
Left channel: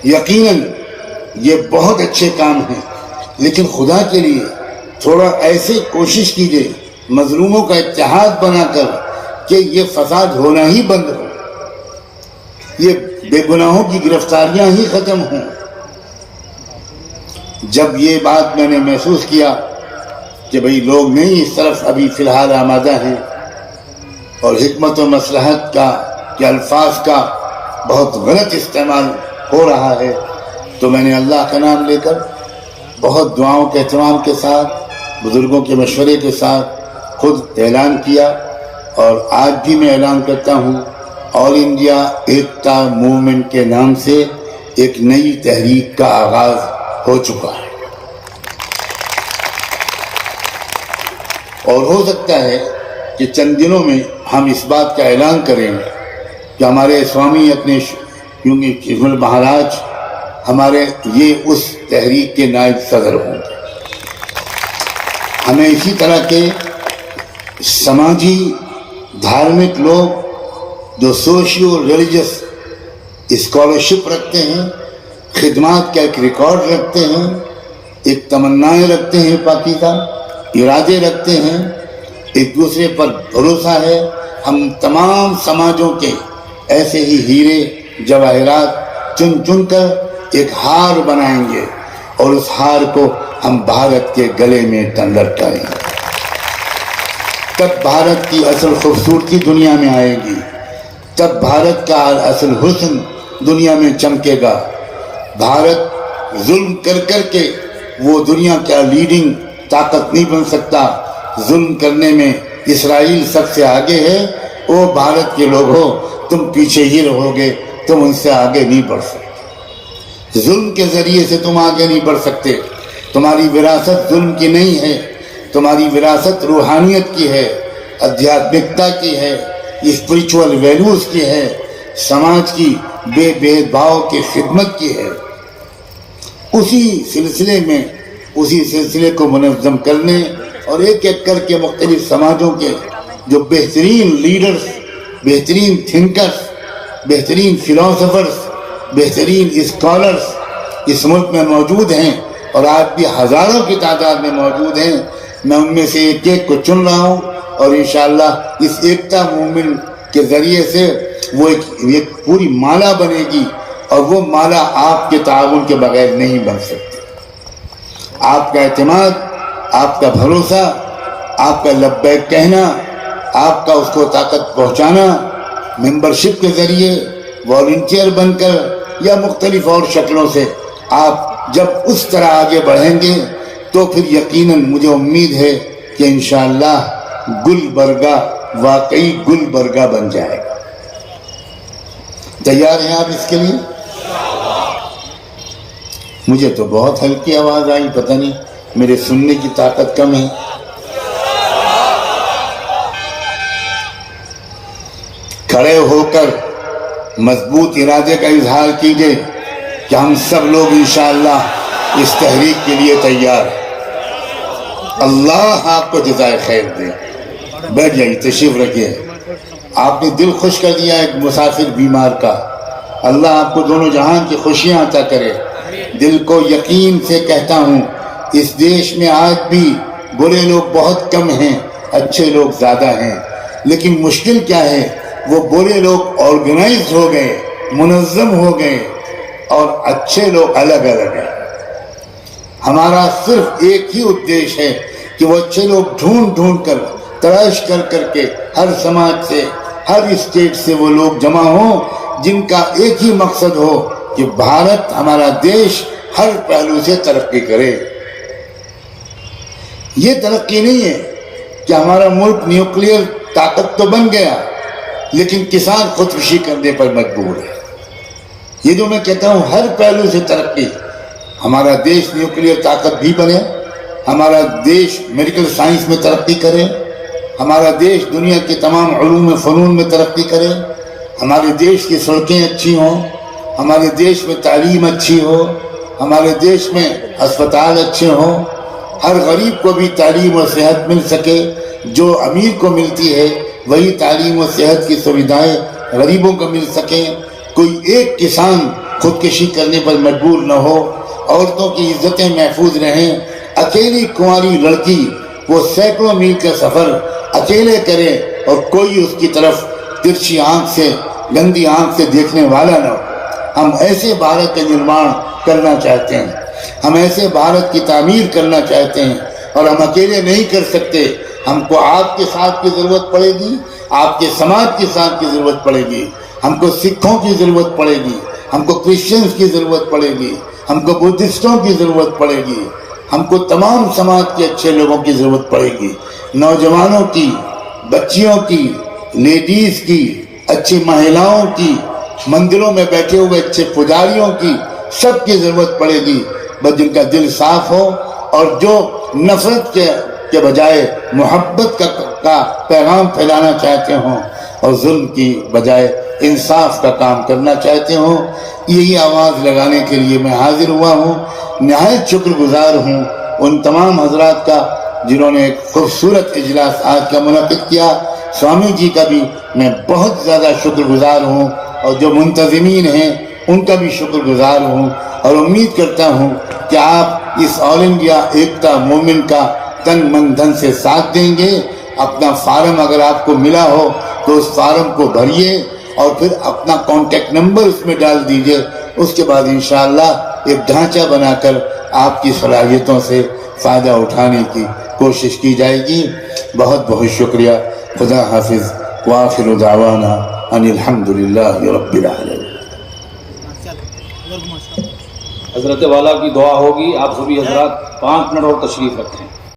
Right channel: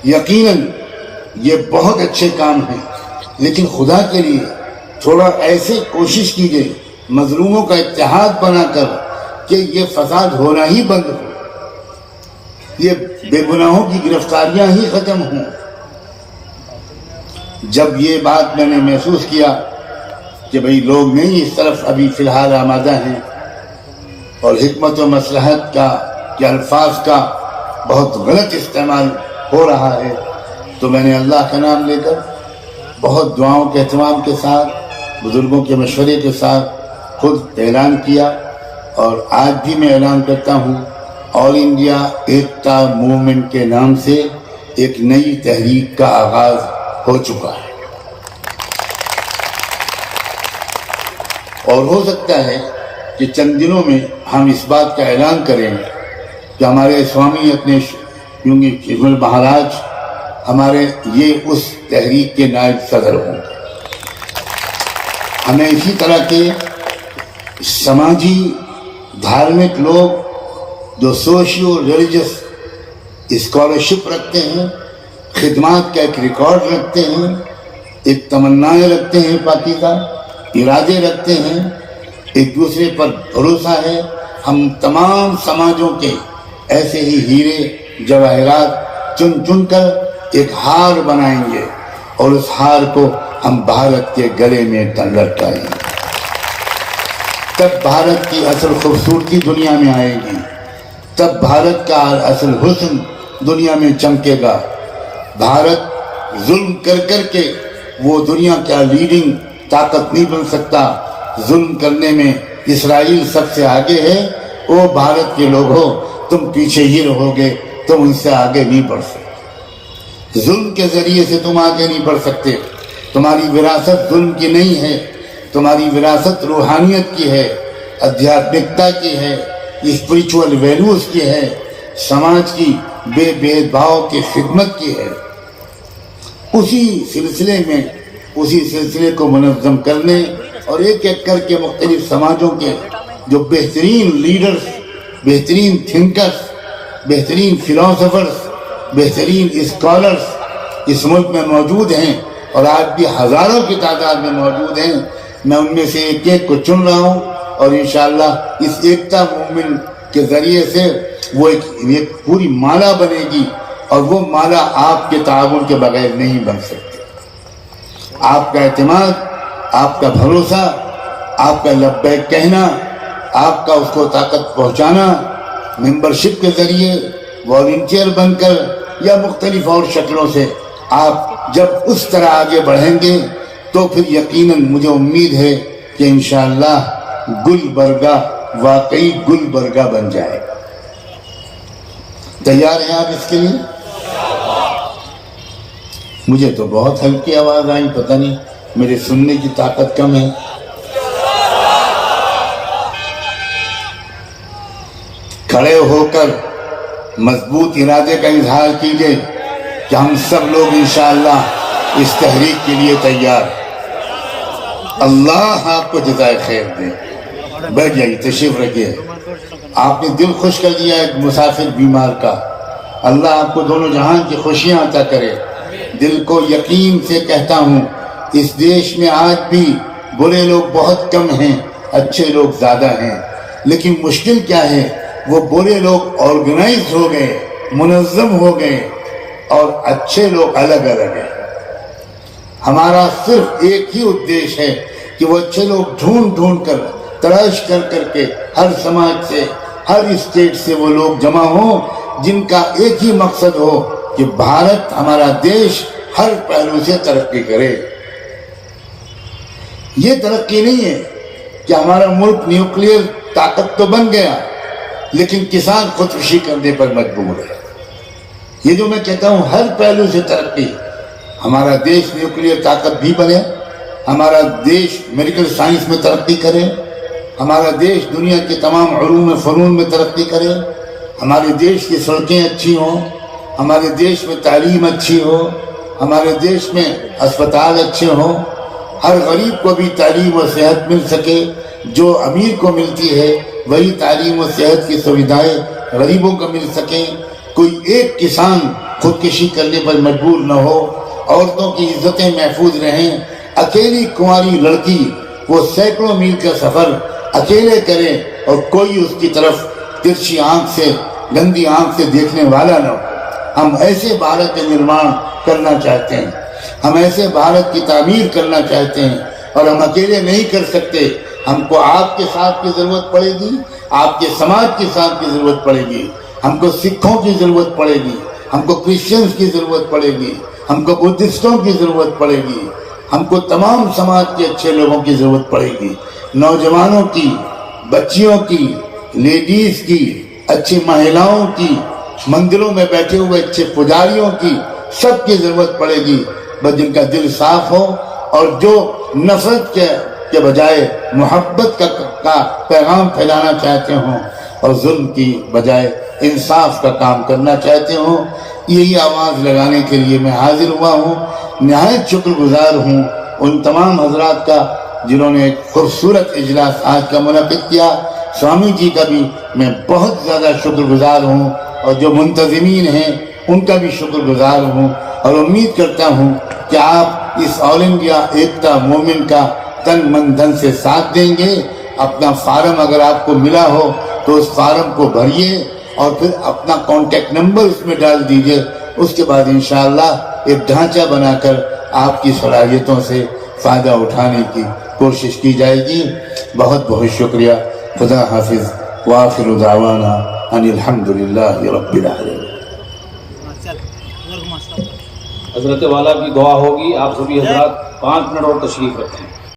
یقیناً یہ بہت اچھے کام ہیں, لیکن خدا کے لیے تھوڑا ایسے کوشش کیجیے مظلوموں کا اتحاد بنا کر کہ یہ فساد ہونا ہی بند ہو, یہ بے گناہوں کی گرفتاریاں ہی ختم ہوں. جب یہ بات میں نے محسوس کیا کہ بھئی لوگ نہیں اس طرف ابھی فی الحال آمادہ ہیں اور حکمت و مصلحت کا کہ الفاظ کا بہت غلط استعمال ہو رہا ہے, تو میں نے اللہ کا نام لے کر بہت دعاؤں کے اہتمام کے ساتھ, بزرگوں کے مشورے کے ساتھ خود اعلان کیا, اور آج بھی میں اعلان کرتا ہوں آل انڈیا ایکتا موومنٹ کے نام سے ایک نئی تحریک کا آغاز ہو چکا ہے. اور ہو سکتا ہے کہ چند دنوں میں ہم اس بات کا اعلان کریں کہ ہمارے سوامی اپنے شیشمل مہاراج ہمارے یہ اس تحریک کے نائب صدر ہوں گے. ہمیں اسی طرح کے سماجی دھارمک لوگ جو سوشیو ریلیجس اسکالرشپ رکھتے ہیں, خدمات کا ایک ریکارڈ رکھتے ہیں, ایک تمنائیں رکھتے ہیں, پاکیزہ ارادے رکھتے ہیں, ایک دوسرے پر بھروسہ ہے, ہم تمام سماجوں کے ایسے ہی ہیرے جواہرات چن چن کر ایک ہار بنائیں گے, اور اس ہار کو ہم بھارت کے گلے میں لٹکائیں گے. تب بھارت کی اصل خوبصورتی دنیا میں آئے گی, تب بھارت کا اصل حسن دنیا میں چمکے گا. بھارت ظلم کر کر کے وہ دنیا کا لیڈنگ طاقت نہیں بن سکتا. ظلم کرنے میں اسرائیل سب سے آگے ہے. او بھارت کے لوگ ہو, تم پیچھے ہی رہو گے, تم ان سے آگے نہیں بڑھ سکتے. ظلم کے ذریعے سے تم آگے نہیں بڑھ سکتے. تمہاری وراثت ظلم کی نہیں ہے. تمہاری وراثت روحانیت کی ہے، ادھیاتمکتا کی ہے، اسپریچول ویلیوز کی ہے، سماج کی بے بھاؤ کی خدمت کی ہے. اسی سلسلے کو منظم کرنے اور ایک ایک کر کے مختلف سماجوں کے جو بہترین لیڈرز، بہترین تھنکرز، بہترین فلاسفرز، بہترین اسکالرز اس ملک میں موجود ہیں اور آج بھی ہزاروں کی تعداد میں موجود ہیں، میں ان میں سے ایک ایک کو چن رہا ہوں اور انشاءاللہ اس ایکتا موومنٹ کے ذریعے سے وہ ایک پوری مالا بنے گی اور وہ مالا آپ کے تعاون کے بغیر نہیں بن سکتی. آپ کا اعتماد، آپ کا بھروسہ، آپ کا لبیک کہنا، آپ کا اس کو طاقت پہنچانا ممبرشپ کے ذریعے، والنٹیئر بن کر یا مختلف اور شکلوں سے آپ جب اس طرح آگے بڑھیں گے تو پھر یقیناً مجھے امید ہے کہ انشاءاللہ گلبرگہ واقعی گلبرگہ بن جائے گا. تیار ہیں آپ اس کے لیے؟ مجھے تو بہت ہلکی آواز آئی، پتہ نہیں میرے سننے کی طاقت کم ہے. کھڑے ہو کر مضبوط ارادے کا اظہار کیجئے کہ ہم سب لوگ انشاءاللہ اس تحریک کے لیے تیار ہیں. اللہ آپ کو جزائے خیر دے. بیٹھ جائیے، تشریف رکھیے. آپ نے دل خوش کر دیا ایک مسافر بیمار کا. اللہ آپ کو دونوں جہان کی خوشیاں عطا کرے. دل کو یقین سے کہتا ہوں اس دیش میں آج بھی برے لوگ بہت کم ہیں، اچھے لوگ زیادہ ہیں. لیکن مشکل کیا ہے، وہ برے لوگ آرگنائز ہو گئے، منظم ہو گئے اور اچھے لوگ الگ الگ ہیں. ہمارا صرف ایک ہی ادیش ہے کہ وہ اچھے لوگ ڈھونڈ کر تلاش کر کے ہر سماج سے، ہر اسٹیٹ سے وہ لوگ جمع ہوں جن کا ایک ہی مقصد ہو کہ بھارت، ہمارا دیش ہر پہلو سے ترقی کرے. یہ ترقی نہیں ہے کہ ہمارا ملک نیوکلیئر طاقت تو بن گیا لیکن کسان خودکشی کرنے پر مجبور ہے. یہ جو میں کہتا ہوں ہر پہلو سے ترقی، ہمارا دیش نیوکلیئر طاقت بھی بنے، ہمارا دیش میڈیکل سائنس میں ترقی کرے، ہمارا دیش دنیا کی تمام علوم و فنون میں ترقی کرے، ہمارے دیش کی سڑکیں اچھی ہوں، ہمارے دیش میں تعلیم اچھی ہو، ہمارے دیش میں اسپتال اچھے ہوں، ہر غریب کو بھی تعلیم و صحت مل سکے. جو امیر کو ملتی ہے وہی تعلیم و صحت کی سویدھائیں غریبوں کو مل سکیں. کوئی ایک کسان خودکشی کرنے پر مجبور نہ ہو، عورتوں کی عزتیں محفوظ رہیں. اکیلی کنواری لڑکی وہ سینکڑوں میل کا سفر اکیلے کرے اور کوئی اس کی طرف ترچھی آنکھ سے، گندی آنکھ سے دیکھنے والا نہ ہو. ہم ایسے بھارت کا نرمان کرنا چاہتے ہیں، ہم ایسے بھارت کی تعمیر کرنا چاہتے ہیں اور ہم اکیلے نہیں کر سکتے. ہم کو آپ کے ساتھ کی ضرورت پڑے گی، آپ کے سماج کے ساتھ کی ضرورت پڑے گی، ہم کو سکھوں کی ضرورت پڑے گی، ہم کو کرسچنز کی ضرورت پڑے گی، ہم کو بدھسٹوں کی ضرورت پڑے گی، ہم کو تمام سماج کے اچھے لوگوں کی ضرورت پڑے گی. نوجوانوں کی، بچیوں کی، لیڈیز کی، اچھی مہیلاؤں کی، مندروں میں بیٹھے ہوئے اچھے پجاریوں کی، سب کی ضرورت پڑے گی. بس جن کا دل صاف ہو اور جو نفرت کے بجائے محبت کا پیغام پھیلانا چاہتے ہوں اور ظلم کی بجائے انصاف کا کام کرنا چاہتے ہوں. یہی آواز لگانے کے لیے میں حاضر ہوا ہوں. نہایت شکر گزار ہوں ان تمام حضرات کا جنہوں نے ایک خوبصورت اجلاس آج کا منعقد کیا. سوامی جی کا بھی میں بہت زیادہ شکر گزار ہوں اور جو منتظمین ہیں ان کا بھی شکر گزار ہوں اور امید کرتا ہوں کہ آپ اس آل انڈیا ایکتا موومنٹ کا تن من دھن سے ساتھ دیں گے. اپنا فارم اگر آپ کو ملا ہو تو اس فارم کو بھریے اور پھر اپنا کانٹیکٹ نمبر اس میں ڈال دیجئے. اس کے بعد انشاءاللہ ایک ڈھانچہ بنا کر آپ کی صلاحیتوں سے فائدہ اٹھانے کی کوشش کی جائے گی. بہت بہت شکریہ. خدا حافظ. وآخر دعوانا ان الحمدللہ رب العالمین. حضرت والا کی دعا ہوگی. آپ سبھی حضرات 5 منٹ اور تشریف رکھیں.